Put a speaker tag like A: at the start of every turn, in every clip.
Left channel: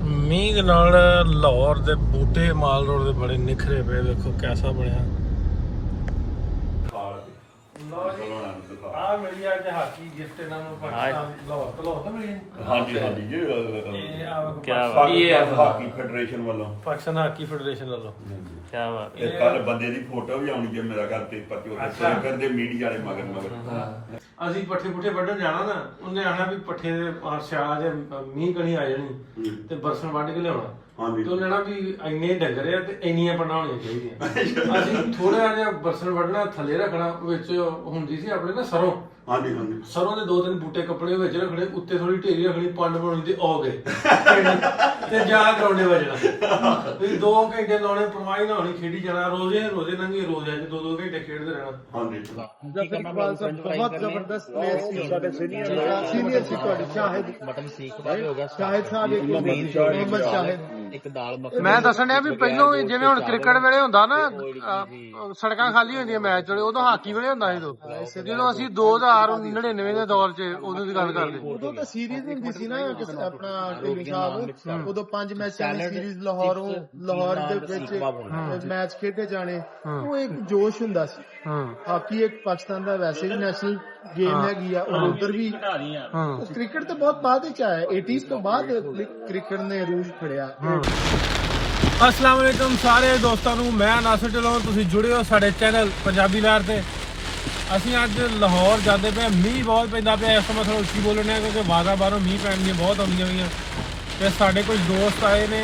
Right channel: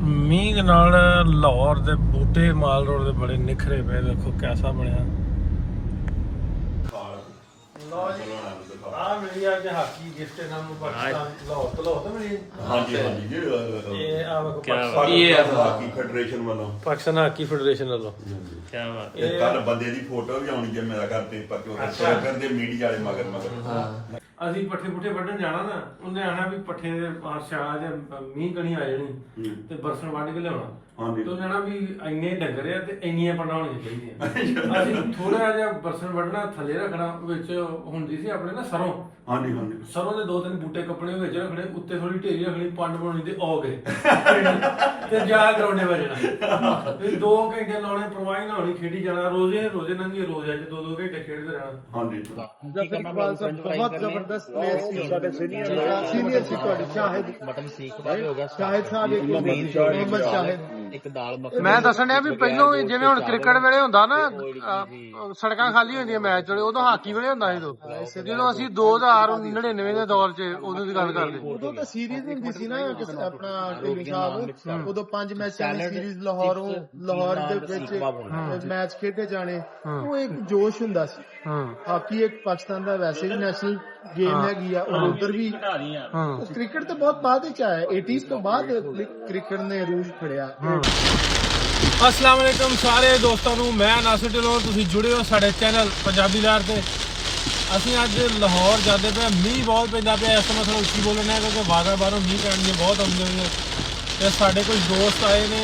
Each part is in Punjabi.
A: ਮੀਂਹ ਦੇ ਨਾਲ ਲਾਹੌਰ ਦੇ ਬੂਟੇ ਮਾਲ ਰੋਡ ਦੇ ਬੜੇ ਨਿਖਰੇ ਪਏ, ਵੇਖੋ ਕਿਹਦਾ ਬਣਿਆ ਲਓ ਜੀ ਆ ਮੇਰੀ ਅੱਜ ਹਾਕੀ ਗਿਫਟ ਇਹਨਾਂ ਨੂੰ ਪਾਕਿਸਤਾਨ ਲਾਹੌਰ ਤੋਂ ਲਾਹੌਰ ਤੋਂ ਮਿਲੀ
B: ਹਾਂਜੀ ਹਾਂਜੀ ਜੀ
A: ਇਹ ਆ ਵੇਖੋ
C: ਕਿਆ
A: ਪਾਕਿਸਤਾਨ-
B: ਪਾਕਿਸਤਾਨ ਹਾਕੀ ਫੈਡਰੇਸ਼ਨ ਵੱਲੋਂ।
A: ਪਾਕਿਸਤਾਨ ਹਾਕੀ ਫੈਡਰੇਸ਼ਨ ਵੱਲੋਂ।
C: ਕੀ ਬਾਤ
B: ਇਹ ਕੱਲ ਬੰਦੇ ਦੀ ਫੋਟੋ ਵੀ ਆਉਣੀ ਜੇ ਮੇਰਾ ਘਰ ਤੇ ਪਰ ਉਹ
A: ਅੱਛਾ।
B: ਕਰਦੇ ਮੀਡੀਆ ਵਾਲੇ ਮਗਰ ਮਗਰ।
A: ਅਸੀਂ ਪੱਠੇ ਪੁੱਠੇ ਵੱਢਣ ਜਾਣਾ ਨਾ ਉਹਨੇ ਆਣਾ ਵੀ ਪੱਠੇ ਦੇ ਸਿਆਲਾ ਦੇ ਮੀਂਹ ਕਣੀ ਆ ਜਾਣੀ। ਤੇ ਬਰਸਨ ਵੱਢ ਕੇ ਲਿਆਉਣਾ।
B: ਹਾਂਜੀ।
A: ਤੇ ਆਣਾ ਵੀ ਇੰਨੇ ਡੰਗਰ ਆ ਤੇ ਇੰਨੀਆਂ ਪੰਡਾਂ ਹੋਣੀਆਂ ਚਾਹੀਦੀਆਂ। ਅਸੀਂ ਥੋੜਾ ਜਿਹਾ ਬਰਸਨ ਵੱਢਣਾ ਥੱਲੇ ਰੱਖਣਾ ਵਿੱਚ ਹੁੰਦੀ ਸੀ ਆਪਣੇ ਨਾ ਸਰੋਂ।
B: ਹਾਂਜੀ ਹਾਂਜੀ।
A: ਸਰੋਂ ਦੇ ਦੋ ਤਿੰਨ ਬੂਟੇ ਕੱਪੜੇ ਵਿੱਚ ਰੱਖਣੇ ਉੱਤੇ ਥੋੜੀ ਢੇਰੀ ਰੱਖਣੀ ਪੰਡ ਬਣਾਉਣੀ ਤੇ ਆ ਗਏ। ਤੇ ਜਾ ਗਰਾਉਂਡੇ ਵੱਜਣਾ ਵੀ 2 ਘੰਟੇ ਲਾਉਣੇ ਪਰਵਾਹੀ ਨਾ ਹੋਣੀ ਖੇਡੀ ਜਾਣਾ ਰੋਜ਼ੇ ਰੋਜ਼ੇ ਨੰਗੇ ਰੋਜ਼ੇ ਅੱਜ 2-2 ਘੰਟੇ ਖੇਡਦੇ ਰਹਿਣਾ।
B: ਹਾਂਜੀ।
D: ਜਫਰ ਇਕਬਾਲ ਸਾਹਿਬ ਬਹੁਤ ਜ਼ਬਰਦਸਤ ਪਲੇਅਰ ਸੀ। ਸਾਡੇ ਸੀਨੀਅਰ ਸੀਨੀਅਰ ਸੀ ਤੁਹਾਡੇ ਸ਼ਾਹਿਦ।
E: ਮਟਨ ਸੀਖ ਦਾ ਵੀ ਹੋ ਗਿਆ।
D: ਸ਼ਾਹਿਦ ਸਾਹਿਬ ਇੱਕ ਮੁਹੰਮਦ ਸ਼ਾਹਿਦ।
E: ਇੱਕ ਦਾਲ ਮੱਖਣੀ
A: ਮੈਂ ਦੱਸਣ ਡਿਆ ਵੀ ਪਹਿਲੋਂ ਜਿਵੇਂ ਹੁਣ ਕ੍ਰਿਕਟ ਵੇਲੇ ਹੁੰਦਾ ਨਾ ਸੜਕਾਂ ਖਾਲੀ ਹੁੰਦੀਆਂ ਮੈਚ ਵੇਲੇ ਉਦੋਂ ਹਾਕੀ ਵੇਲੇ ਹੁੰਦਾ ਸੀ ਉਦੋਂ। ਜਦੋਂ ਅਸੀਂ 2099 ਦੇ ਦੌਰ 'ਚ ਉਦੋਂ ਦੀ ਗੱਲ ਕਰਦੇ।
D: ਉਦੋਂ ਤਾਂ ਸੀਰੀਜ਼ ਹੁੰਦੀ ਸੀ ਨਾ ਕਿਸ ਆਪਣਾ ਢਿੱਲੋਂ ਸਾਹਿਬ ਉਦੋਂ ਪੰਜ ਮੈਚਾਂ ਦੀ ਸੀਰੀਜ਼ ਲਾਹੌਰੋਂ ਲਾਹੌਰ ਦੇ ਵਿੱਚ ਮੈਚ ਖੇਡੇ ਜਾਣੇ ਉਹ ਇੱਕ ਜੋਸ਼ ਹੁੰਦਾ ਸੀ।
A: ਹਾਂ।
D: ਹਾਕੀ ਇੱਕ ਪਾਕਿਸਤਾਨ ਦਾ ਵੈਸੇ ਵੀ ਨੈਸ਼ਨਲ ਗੇਮ ਹੈਗੀ ਆ ਔਰ ਉਧਰ ਵੀ
A: ਹਾਂ।
D: ਕ੍ਰਿਕਟ ਤਾਂ ਬਹੁਤ ਬਾਅਦ ਵਿੱਚ ਆਇਆ। 80s ਤੋਂ ਬਾਅਦ ਕ੍ਰਿਕਟ ਨੇ ਰੂਜ ਫੜਿਆ।
A: ਅਸਲਾਮ ਵਾਲੇਕਮ ਸਾਰੇ ਦੋਸਤਾਂ ਨੂੰ ਮੈਂ ਨਾਸਿਰ ਢਿੱਲੋਂ ਤੁਸੀਂ ਜੁੜੇ ਹੋ ਸਾਡੇ ਚੈਨਲ ਪੰਜਾਬੀ ਲਾਰ ਤੇ। ਅਸੀਂ ਅੱਜ ਲਾਹੌਰ ਜਾਂਦੇ ਪਏ। ਮੀਂਹ ਬਹੁਤ ਪੈਂਦਾ ਪਿਆ ਇਸ ਸਮੇਂ ਥੋੜਾ ਉੱਚੀ ਬੋਲਣੇ ਕਿਉਂਕਿ ਵਾਗਾ ਬਾਹਰੋਂ ਮੀਂਹ ਪੈਣ ਦੀਆਂ ਬਹੁਤ ਆਉਂਦੀਆਂ ਹੋਈਆਂ। ਤੇ ਸਾਡੇ ਕੁਝ ਦੋਸਤ ਆਏ ਨੇ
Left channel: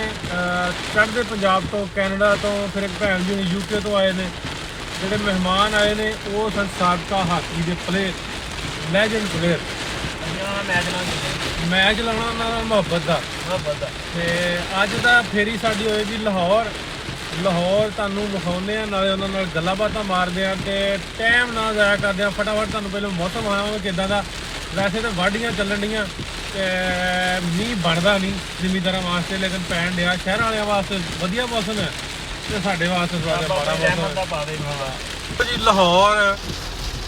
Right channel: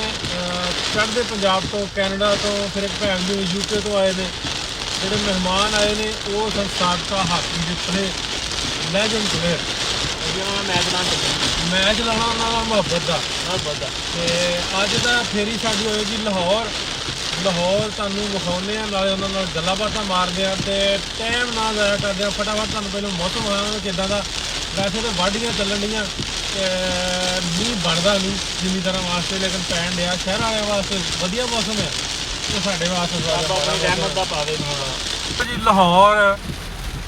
A: ਚੜ੍ਹਦੇ ਪੰਜਾਬ ਤੋਂ, ਕੈਨੇਡਾ ਤੋਂ, ਫਿਰ ਇੱਕ ਭੈਣ ਜੀ ਯੂਕੇ ਤੋਂ ਆਏ ਨੇ। ਜਿਹੜੇ ਮਹਿਮਾਨ ਆਏ ਨੇ, ਉਹ ਸਨ ਸਾਬਕਾ ਹਾਕੀ ਦੇ ਪਲੇਅਰ ਲੈਜੈਂਡ ਪਲੇਅਰ
E: ਉਹਨਾਂ ਮੈਚ ਨਾਲ ਚੱਲਦਾ
A: ਮੈਚ ਲਾਉਣਾ ਉਹਨਾਂ ਨਾਲ ਮੁਹੱਬਤ ਦਾ।
E: ਮੁਹੱਬਤ ਦਾ
A: ਤੇ ਅੱਜ ਦਾ ਫੇਰੀ ਸਾਡੀ ਹੋਏਗੀ ਲਾਹੌਰ। ਲਾਹੌਰ ਤੁਹਾਨੂੰ ਵਿਖਾਉਂਦੇ ਆ ਨਾਲੇ ਉਹਨਾਂ ਨਾਲ ਗੱਲਾਂ ਬਾਤਾਂ ਮਾਰਦੇ ਆ ਤੇ ਟਾਈਮ ਨਾ ਜ਼ਾਇਆ ਕਰਦੇ ਆ ਫਟਾਫਟ ਤੁਹਾਨੂੰ ਪਹਿਲਾਂ ਮੌਸਮ ਵਿਖਾਵਾਂਗੇ ਕਿਦਾਂ ਦਾ। ਵੈਸੇ ਤਾਂ ਵਾਢੀਆਂ ਚੱਲਣ ਡੀਆਂ। ਤੇ ਮੀਂਹ ਬਣਦਾ ਨਹੀਂ ਜ਼ਿਮੀਦਾਰਾਂ ਵਾਸਤੇ ਲੇਕਿਨ ਪੈਣ ਡਿਆ ਸ਼ਹਿਰ ਵਾਲਿਆਂ ਵਾਸਤੇ ਵਧੀਆ ਮੌਸਮ ਹੈ ਤੇ ਸਾਡੇ ਵਾਸਤੇ ਜਿਹਾ ਮਾੜਾ
E: ਰਹਿਮਤ
A: ਮੌਸਮ
E: ਦਾ ਪਾਵੇ ਮੋਲਾ
A: ਜੀ ਲਾਹੌਰ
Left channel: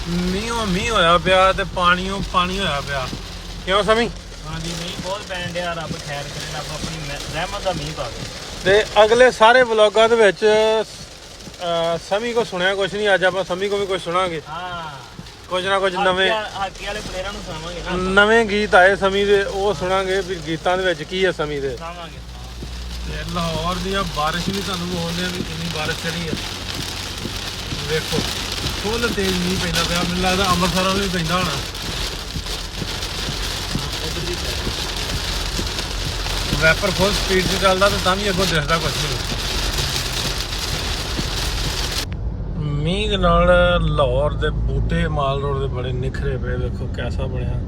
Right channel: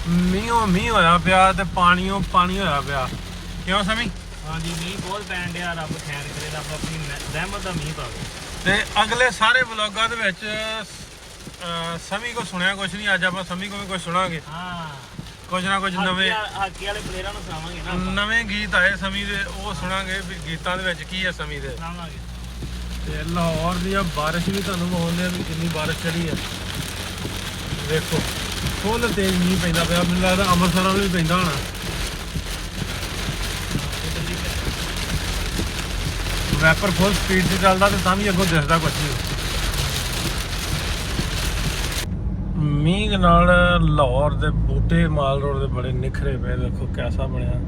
A: ਮੀਂਹੋਂ ਮੀਂਹ ਹੋਇਆ ਪਿਆ ਤੇ ਪਾਣੀਓਂ ਪਾਣੀ ਹੋਇਆ ਪਿਆ। ਕਿਉਂ ਸਮੀ?
E: ਹਾਂਜੀ ਮੀਂਹ ਬਹੁਤ ਪੈਣ ਡਿਆ ਰੱਬ ਖੈਰ ਕਰੇ ਰੱਬ ਆਪਣੀ ਰਹਿਮਤ ਦਾ ਮੀਂਹ ਪਾਵੇ।
A: ਤੇ ਅਗਲੇ ਸਾਰੇ ਵਲੌਗਾਂ ਦੇ ਵਿੱਚ ਸਮੀ ਕੋ ਸੁਣਿਆ ਕੁਝ ਨਹੀਂ ਅੱਜ ਆਪਾਂ ਸਮੀ ਕੋ ਵੀ ਕੁਝ ਸੁਣਾਂਗੇ।
E: ਹਾਂ
A: ਕੁਝ ਨਾ ਕੁਝ ਨਵੇਂ
E: ਹਾਕੀ- ਵਾਲੇ ਪਲੇਅਰਾਂ ਨੂੰ ਸੁਣਾਵਾਂਗੇ ਨਾ।
A: ਨਵੇਂ ਗੀਤ ਆਏ ਸਮੀ ਦੇ ਉਹ ਸੁਣਾਂਗੇ ਵੀ ਗੀਤਾਂ ਦੇ ਵਿੱਚ ਕੀ ਹੈ ਸਮੀ ਦੇ।
E: ਸੁਣਾਵਾਂਗੇ।
A: ਤੇ ਲਾਹੌਰ ਦੀਆਂ ਬਾਰਿਸ਼ ਵੀ ਤੁਹਾਨੂੰ ਆ ਵੀ ਕਿੰਨੀ ਬਾਰਿਸ਼ ਚੜੀ ਹੈ ਵੇਖੋ ਫੁੱਲ ਤੇਜ਼ ਮੀਂਹ ਪੈਂਦਾ ਪਿਆ ਮੈਨੂੰ ਲੱਗਦਾ ਅੰਮ੍ਰਿਤਸਰ ਵੱਲ ਵੀ ਪੈਂਦਾ ਹੋਣਾ। ਵੈਪਰ ਫੁੱਲ ਸਪੀਡ 'ਤੇ ਚੱਲਦਾ ਤੇ ਤਾਂ ਵੀ ਅੱਗੋਂ ਦਿਸਦਾ ਕੁਝ ਨਹੀਂ। ਮੀਂਹ ਦੇ ਨਾਲ ਲਾਹੌਰ ਦੇ ਬੂਟੇ ਮਾਲ ਰੋਡ ਦੇ ਬੜੇ ਨਿਖਰੇ ਪਏ ਵੇਖੋ ਕਿਹਦਾ ਬਣਿਆ।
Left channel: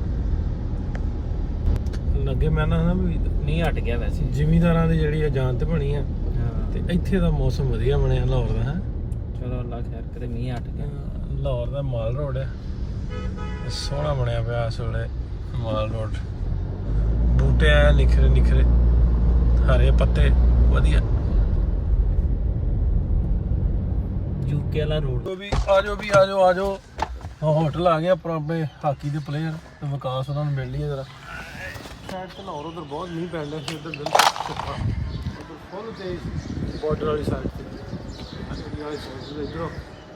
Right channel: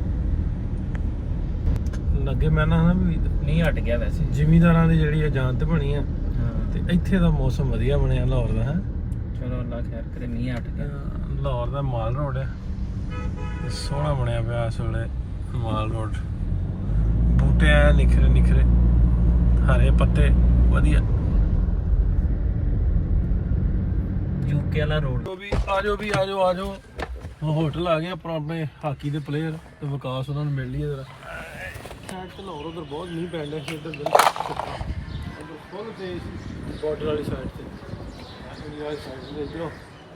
A: ਲੱਗੇ ਮੈਂ ਨਾ ਵੀ
E: ਮੀਂਹ ਹਟ ਗਿਆ ਵੈਸੇ।
A: ਜ਼ਿਮੀਦਾਰਾਂ ਦੀ ਜਿਹੜੀ ਇਹ ਜਾਨ ਤੇ ਬਣੀ ਆ ਤੇ ਇੱਥੇ ਦਾ ਮੌਸਮ ਵਧੀਆ ਬਣਿਆ ਲਾਹੌਰ ਦਾ ਹੈ?
E: ਚਲੋ ਅੱਲਾ ਖੈਰ ਕਰੇ ਮੀਂਹ ਹਟ ਗਿਆ।
A: ਲਾਹੌਰ ਦਾ ਮਾਲ ਰੋਡ ਹੈ ਸੋਹਣਾ ਬਣਿਆ ਪਿਆ ਇਸ ਵੇਲੇ ਮਾਲ ਰੋਡ। ਬੂਟੇ ਆ ਨਿਖਰੇ ਨਿਖਰੇ ਹਰੇ ਪੱਤੇ ਵਧੀਆ।
E: ਯੂਕੇ ਵਾਲਾ ਰੋਡ
A: ਜੋ ਵੀ ਆਜੋ ਵੀ ਆਜੋ ਆਜੋ। ਹੋਟਲ ਆ ਗਿਆ ਪਰ ਆਪਣੇ ਹਾਕੀ ਦੇ ਪਲੇਅਰ ਤੇ ਵਿਕਾਸ ਉਹਨਾਂ ਨੂੰ ਮਿਲ ਲਈਏ ਜਰਾ। ਸਾਈਡ ਤੇ ਲਾਹੌਰ ਉਧਰ ਬਹੁਤ ਮੀਂਹ ਪੈਣ ਡਿਆ ਸੀ ਉਧਰ ਦਿਲ ਉਧਰ ਫੁੱਲ ਤੇ ਬਾਰਡਰ ਵਾਲੀ ਸਾਈਡ ਤੇ। ਜਿਹੜੀ ਵਾਲੀ ਸਾਈਡ ਤੇ ਇਧਰੋਂ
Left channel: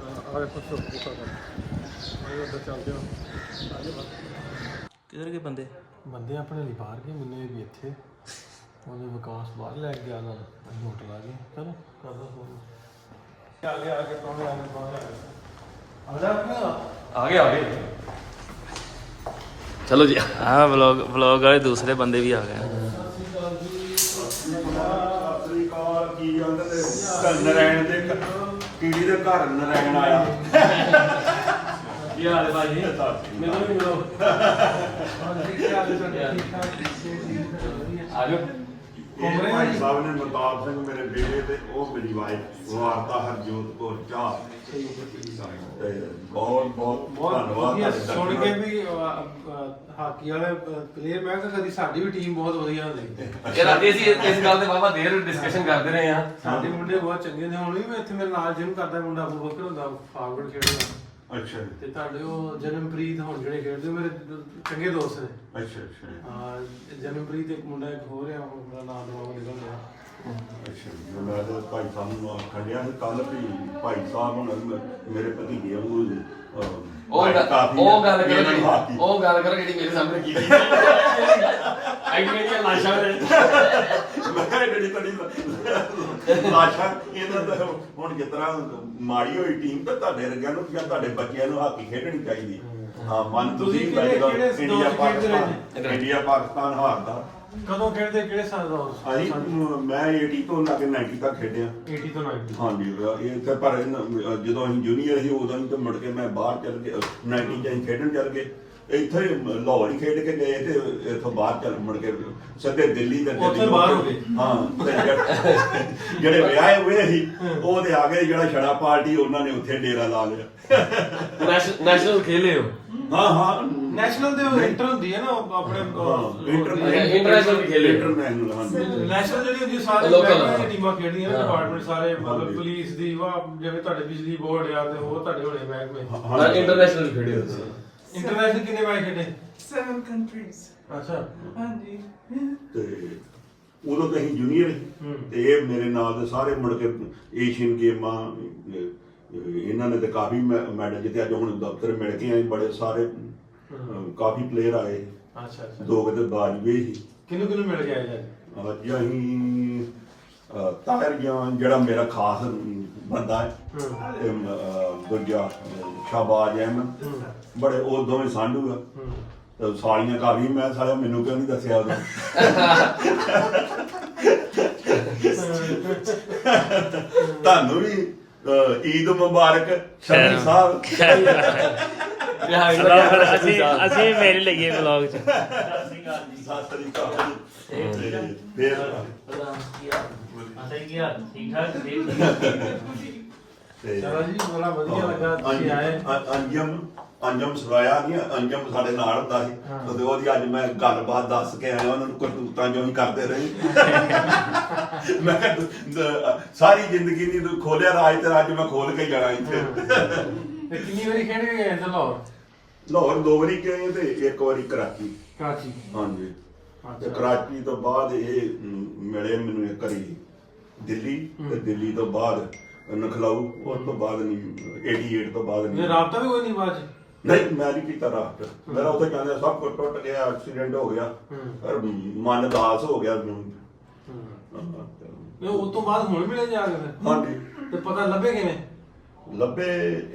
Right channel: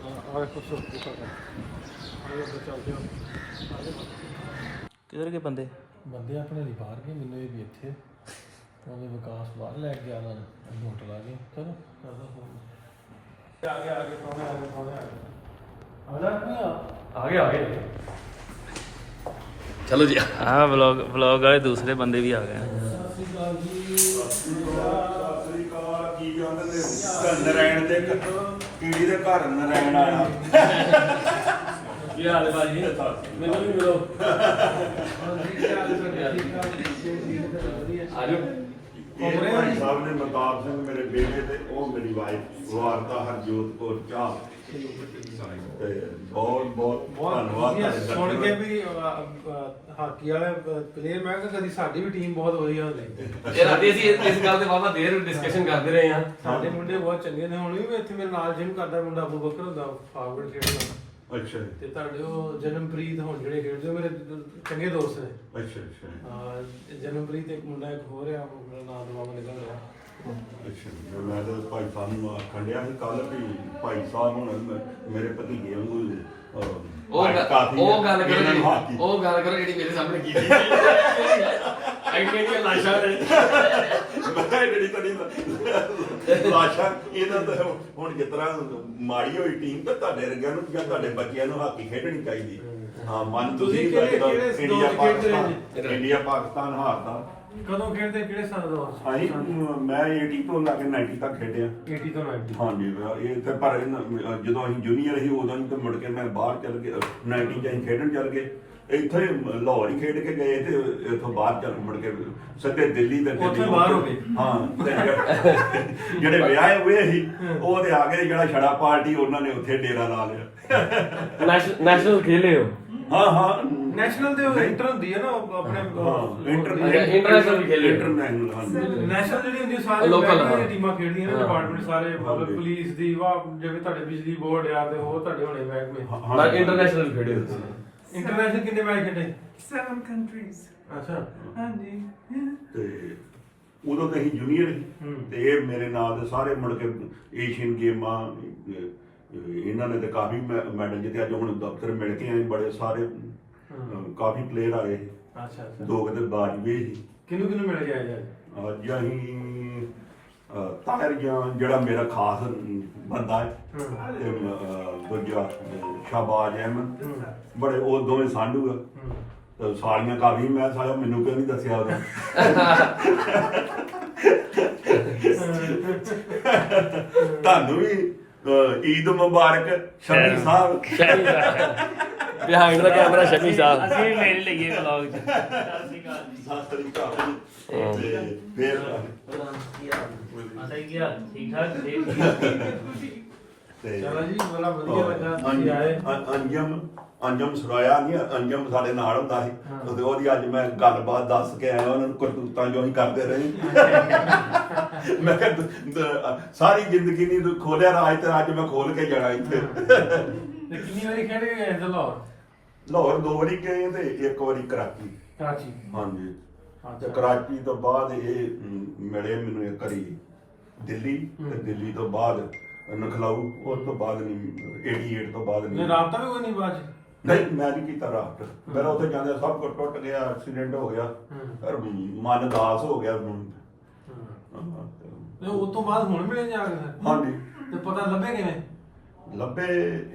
A: ਆ ਵੇਖੋ ਸੋ ਦੇਖੋ ਕਰ ਉਧਰ ਚੱਲਦੇ ਹੋ
E: ਕਿਧਰ ਗਏ ਬੰਦੇ?
A: ਬੰਦੇ ਆਪਣੇ ਲਈ ਬਾਹਰ ਗਏ ਮੈਨੂੰ ਇਹ ਵੀ ਇੱਥੇ। ਉਹਨੇ ਵਿਕਾਸ ਬਾਹਰ ਲੈ ਕੇ ਗਿਆ ਨਾਲ ਅਸੀਂ ਹੋਟਲ ਆ ਗਏ। ਚਲੋ ਕਰਦਾ ਫੋਨ ਆ ਗਏ ਆ ਗਏ ਆ ਗਏ ਆ ਗਏ। ਆ ਜਾ ਆ ਗਏ ਆ ਗਏ।
C: ਚਲੋ ਜੀ। ਹਾਂ ਵਲੌਗ ਵਲੌਗ ਵਾਲੇ ਦੂਸਰੇ ਬੰਦੇ ਵੀ ਆ ਗਏ।
B: ਅਫਰੀਕਾ ਕੀ ਕਹਿੰਦੇ ਨੇ ਨਰਾਇਣ ਦੇ ਘ- ਕੀੜੀ ਦੇ ਘਰ ਨਰਾਇਣ ਆਇਆ
A: ਕੀ ਹਾਲ ਹੈ ਭਾਜੀ ਮੈਨੂੰ ਵੀ ਮਿਲੋ
B: ਇਹ ਭਾਈ ਸਾਹਿਬ ਨੇ ਮਤਾਬ ਸਿੰਘ ਮੇਰੇ ਬੇਟੇ ਤੇ ਉਹ ਮੇਰੀ ਵਾਈਫ ਵਾਰਤਾ ਹਰਜੋਤ ਕੌਰ ਚਾਹ। ਤੇ ਬਹੁਤ ਬਹੁਤ ਧੰਨਵਾਦ
A: ਵਧੀਆ
B: ਤੁਹਾਡੇ
A: ਸੁਣ ਕੇ
B: ਦਰਸ਼ਕਾਂ
A: ਵੀ ਅਹ, ਅਹ, ਹਾਕੀ ਵਾਲੇ ਪਲੇਅਰ ਮੈਂ ਕਿਹਾ ਕਦੀ ਸਾਡੀ ਵੀ ਟੀਮ ਬਹੁਤ ਵਧੀਆ ਹੁੰਦੀ
F: ਯਾਰ ਅੱਜ ਅਸੀਂ ਇਸ ਗੱਲ ਤੇ ਬਾਬਾ ਦੇਰ ਡਿਸਕਸ਼ਨ ਕਰਦੇ ਰਹੇ ਆ
A: ਸਾਡੇ ਮੁੰਡੇ ਬਹੁਤ ਚੰਗੇ ਨੇ ਹੁਣ ਵੀ ਮੈਂ ਇੱਥੇ ਮੇਰੇ ਨਾਲ ਜਿਮ ਕਰਦਾ ਮੁੰਡਾ ਅਬੂ ਬਕਰ ਹੁੰਦਾ ਫਾਰਵਰਡ ਖੇਡਦਾ।
B: ਅੱਛਾ
A: ਤੇ ਤੁਹਾਡੇ ਉਹ ਜਨਮਪ੍ਰੀਤ ਹੁਣ ਜਿਹੜੇ ਖੇਡਦੇ ਉਹ ਮੇਰੇ ਚੰਗੇ ਦੋਸਤ ਨੇ।
B: ਅੱਛਾ ਅੱਛਾ
A: ਹਾਂ ਜਨਮਪ੍ਰੀਤ ਇੱਕ ਮੁੰਡਾ ਇੱਕ ਹੋਰ ਆ ਉਹ ਮੇਰਾ ਨਾਮ ਨਵਾਂ ਨਿਕਲ ਗਿਆ।
B: ਅੱਛਾ ਮੈਂ ਤਾਂ ਭਾਈ ਸਾਹਿਬ ਨੂੰ ਆਖਣ ਡਿਆ ਸੀ ਕੱਲ ਵੀ ਭਾਈ ਸਾਹਿਬ ਹੁਣ ਮ- ਮੇਰੇ ਭਤੀਜੇ ਵਾਂਗੂ ਅਹ,
F: ਉਹ ਗੱਲ ਉਹ ਗੱਲ ਕਰੋ ਜਿਹੜੀ-। ਉਹ ਗੱਲ ਕਰੋ ਜਿਹੜੀ ਮੇਰੇ ਸਾਹਮਣੇ ਕੀਤੀ ਸੀ। ਐਡੀਆਂ ਦੀਆਂ ਲਾਸ਼ਾਂ ਨੇ
B: ਮੈਂ ਜਿਹੜੀ ਤੁਹਾਡੀ ਲਾਸ਼ਾ ਇਹਨਾਂ ਦਾ ਹੁਣ ਜਿਸ ਤਰ੍ਹਾਂ ਮਾੜੀ ਹੋਈ ਟੀਮ ਤੇ ਤੁਹਾਡੇ ਵਰਗਿਆਂ ਨੂੰ ਜਾਂ ਤੁਹਾਡੇ ਬੱਚਿਆਂ ਨੂੰ ਹਾਕੀ ਖੇਡਣੀ ਚਾਹੀਦੀ। ਹਾਂ ਮਨ
A: ਤੁਸੀਂ
B: ਤੁਸੀਂ
A: ਕਿਹੜੇ-
B: ਇੰਡੀਆ
A: ਦੌਰ 'ਚ ਖੇਡਦੇ ਰਹੇ
B: ਪਾਕਿਸਤਾਨ ਇੰਡੀਆ ਪਾਕਿਸਤਾਨ ਹਾਰਦਾ।
A: ਕਦੋਂ ਖੇਡਦੇ ਕਿਹੜੇ ਸਾਲ ਦਾ ਹੋ
B: ਹਾਂਜੀ ਮੈਂ 80 ਤੋਂ ਲਾ ਕੇ 90 ਤੱਕ ਖੇਡਿਆ।
A: 80 ਤੋਂ 90
B: ਹਾਂਜੀ ਇਹ ਇੱਥੇ ਪਰ ਇਹਨਾਂ- ਜਦੋਂ ਅਸੀਂ ਜੂਨੀਅਰ ਸੀ ਉਦੋਂ ਤੇ ਮੁੜ ਕੇ ਮੈਂ ਬਾਹਰ ਚੱਲ ਗਿਆ 90 ਚ ਅਸੀਂ ਖੇਡਣ ਚੱਲ ਗਏ। ਇੱਥੇ ਲਾਹੌਰ ਹੀ ਖੇਡ ਕੇ ਗਏ ਤੇ ਇੱਥੋਂ ਬਾਹਰ ਚੱਲ ਮੁੜ ਕੇ ਸਿੱਧੇ ਦਿੱਲੀ ਤੇ ਦਿੱਲੀ
A: ਉੱਥੇ ਬਾਹਰ ਹੋ ਗਏ।
B: ਹਾਂ ਤੇ ਜਿਹੜੇ- ਜਿਹੜੇ ਵਿਆਹੇ ਹੋਏ ਸੀ ਉਹ ਤੇ ਆ ਗਏ ਜਿਹੜਾ ਛੜਾ ਪਾਰਟੀ ਉਹਨਾਂ ਨੇ ਉੱਥੇ ਡੇਰਾ ਲਾ ਲਿਆ।
F: ਨੈਸ਼ਨਲ ਖੇਲੇ ਹੋ?
B: ਹਾਂ ਹਾਂ।
A: ਨੈਸ਼ਨਲ ਦੇ ਇੰਟਰ ਹੁੰਦੀ ਹੈ ਨਾ ਉਹ ਆਪਣੇ
B: ਇੰਟਰਨੈਸ਼ਨਲ
F: ਵੀ ਖੇਲੇ।
B: ਇੰਟਰਨੈਸ਼ਨਲ ਹਾਂਜੀ
A: ਨੈਸ਼ਨਲ ਜਿਹੜੀ ਹੁੰਦੀ ਸਾਰੇ
F: Local,
A: ਮਹਿਕਮੇ ਦੀਆਂ
F: ਹਾਂ।
A: ਟੀਮਾਂ ਖੇਡਦੀਆਂ ਨੇ
F: ਹਾਂ।
A: ਡਿਪਾਰਟਮੈਂਟ ਸਾਰੇ ਮਤਲਬ
B: ਹਾਂਜੀ।
A: ਪੁਲਿਸ ਦੀ ਵਾ ਜਿਵੇਂ ਤੁਹਾਡੇ ਬਿਜਲੀ ਬੋਰਡ ਆ ਤੇ ਹੋਰ ਤੁਹਾਡੇ ਹੋਣੇ ਮਹਿਕਮੇ।
F: ਹਾਂ ਇੰਟਰਨੈਸ਼ਨਲ ਖੇਡੇ ਹੋ ਤੁਸੀਂ।
A: ਇੰਟਰਨੈਸ਼ਨਲ ਕਿੰਨੇ ਮੈਚ ਖੇਡੇ?
G: Seven countries.
A: ਅੱਛਾ।
G: ਹਾਂਜੀ।
B: ਤੇ ਉਦੋਂ ਤੇ ਅਸੀਂ ਜੂਨੀਅਰ ਸੀ। ਤੇ ਇਹ ਮੇਰੇ ਨਾਲ ਦੇ ਸਾਰੇ ਮੁੜ ਕੇ ਏਸ਼ੀਅਨ ਗੇਮਾਂ ਇਹਨਾਂ ਨੇ ਤੇ ਕਾਫੀ ਮੈਡਲ ਜਿੱਤੇ। ਅੱਜ ਹੁਣ ਦਫ਼ਤਰ ਮਿਲ ਕੇ ਆਏ ਬੜੇ ਸਾਰੇ ਕਾਫੀ ਪਲੇਅਰ ਆਏ।
A: ਅੱਛਾ ਅੱਛਾ।
B: ਦੋ ਕਿਤੇ ਬਾਜ ਵੀ ਸੀ।
A: ਕਿਹਨੂੰ ਕਿਹਨੂੰ ਮਿਲ ਗਿਆ ਜੀ
B: ਅੱਜ ਅਸੀਂ ਜਾਂ ਜਿਹੜਾ ਮੇਰਾ ਖਾਸ ਬੰਦਾ ਹੈ ਤੇ ਦੂਜਾ ਸ਼ਾਬਾਜ ਅਹਿਮਦ। ਬੜੇ ਉਹ ਦੋਵੇਂ ਸਾਂਢੂ ਆ। ਤੇ ਸਾਲੀਆਂ ਕਾਫੀ ਮੈਂ ਸਾਲਿਆ ਮੈਨੂੰ ਕਿਉਂ ਨਹੀਂ ਦੱਸਿਆ ਉਦੋਂ? ਤੁਹਾਨੂੰ ਵੀ ਈਦ ਮੁਬਾਰਕ ਸ਼ਮੀ ਸਾਹਿਬ।
F: ਬਿਹਾਈਂਡ
C: ਅਸੀਂ ਅਸੀਂ ਮੇਰੇ ਲੱਗੇ ਵਲੌਗ ਚ।
B: ਸਤਿ ਸ੍ਰੀ ਅਕਾਲ ਤੇ ਫਿਰ
E: ਆਤਾ ਹੀ ਗਿਆ ਠੀਕ ਠਾਕ? ਦੇਖ
B: ਤੇ
A: ਚਲੋ ਜੀ ਬੜਾ ਵਧੀਆ ਲੱਗਾ ਤੁਸੀਂ ਆਏ।
B: ਅੰਜ- ਅੰ- ਅੰਜਮ ਅੰਜਮ ਸਰਾਇਆ ਨਹੀਂ ਅੰਜਮ ਸਾਡੇ ਨਾਲ ਹੁੰਦਾ ਸੀ। ਤੇ ਉਹਦੀ ਅੱਜ ਮੈਂ ਗੱਲਬਾਤ ਦੱਸ ਕੇ ਆਇਆ ਉਹਨਾਂ ਨੂੰ ਕਰਤੂਤਾਂ ਜੋ ਹੀ ਕਰਦੇ ਰਹੇ। ਮੈਂ ਕਿਹਾ ਤੂੰ- ਦ- ਸਾਰੀ ਜ਼ਿੰਦਗੀ ਨਹੀਂ ਤੂੰ ਖੋਲਿਆ ਰਾਜ ਤੇ ਅੱਜ ਮੈਂ ਖੋਲ ਕੇ ਜਾਣਾ ਇੱਥੇ।
A: ਤੇ ਕਿੰਨੀ ਵਾਰੀ ਖੇਡ ਕੇ ਗਏ ਇੱਥੇ ਲਾਹੌਰ?
B: ਲਾਹੌਰ ਦੋ ਵਾਰੀ ਗਏ ਤੇ ਇੱਕ ਵਾਰੀ ਕਰਾਚੀ।
A: ਕਰਾਚੀ।
B: ਹਾਂਜੀ। ਤੇ
A: ਅੱਛਾ।
B: ਕਰਾਚੀ ਤੋਂ ਬਾਅਦ ਇਹ ਮ, ਮਿਲੇ ਮੈਨੂੰ ਇੱਕ ਵਾਰੀ ਦਿੱਲੀ। ਤੇ ਦਿੱਲੀ ਤੋਂ ਬਾਅਦ ਨਖਲਾਊ ਉਸ ਤੋਂ ਬਾਅਦ ਨਹੀਂ 88 ਤੋਂ ਬਾਅਦ ਨਹੀਂ।
A: ਰਾਬਤਾ ਵੀ ਕੋਈ ਨਹੀਂ ਬਾਅਦ ਚ
B: ਨਹੀਂ ਮੈਂ ਨਹੀਂ ਕੀਤਾ ਰਾਤ। ਮੇਰਾ ਉੱਥੇ ਜਾਂਦੇ ਸਭ ਕੁਝ ਟੁੱਟ ਗਿਆ ਐਕਸੀਡੈਂਟ ਹੋ ਗਿਆ। ਪਰ ਮਨ ਦਾਸ ਹੋ ਗਿਆ
A: ਇਹ ਉਸ ਤੋਂ ਬਾਅਦ ਹੁਣ ਮਿਲੇ ਜਾ ਕੇ ਫਿਰ?
B: ਹਾਂਜੀ।
A: ਤੇ ਪਤਾ ਲੱਭੇ ਕਿਵੇਂ?
B: ਲੱਭੇ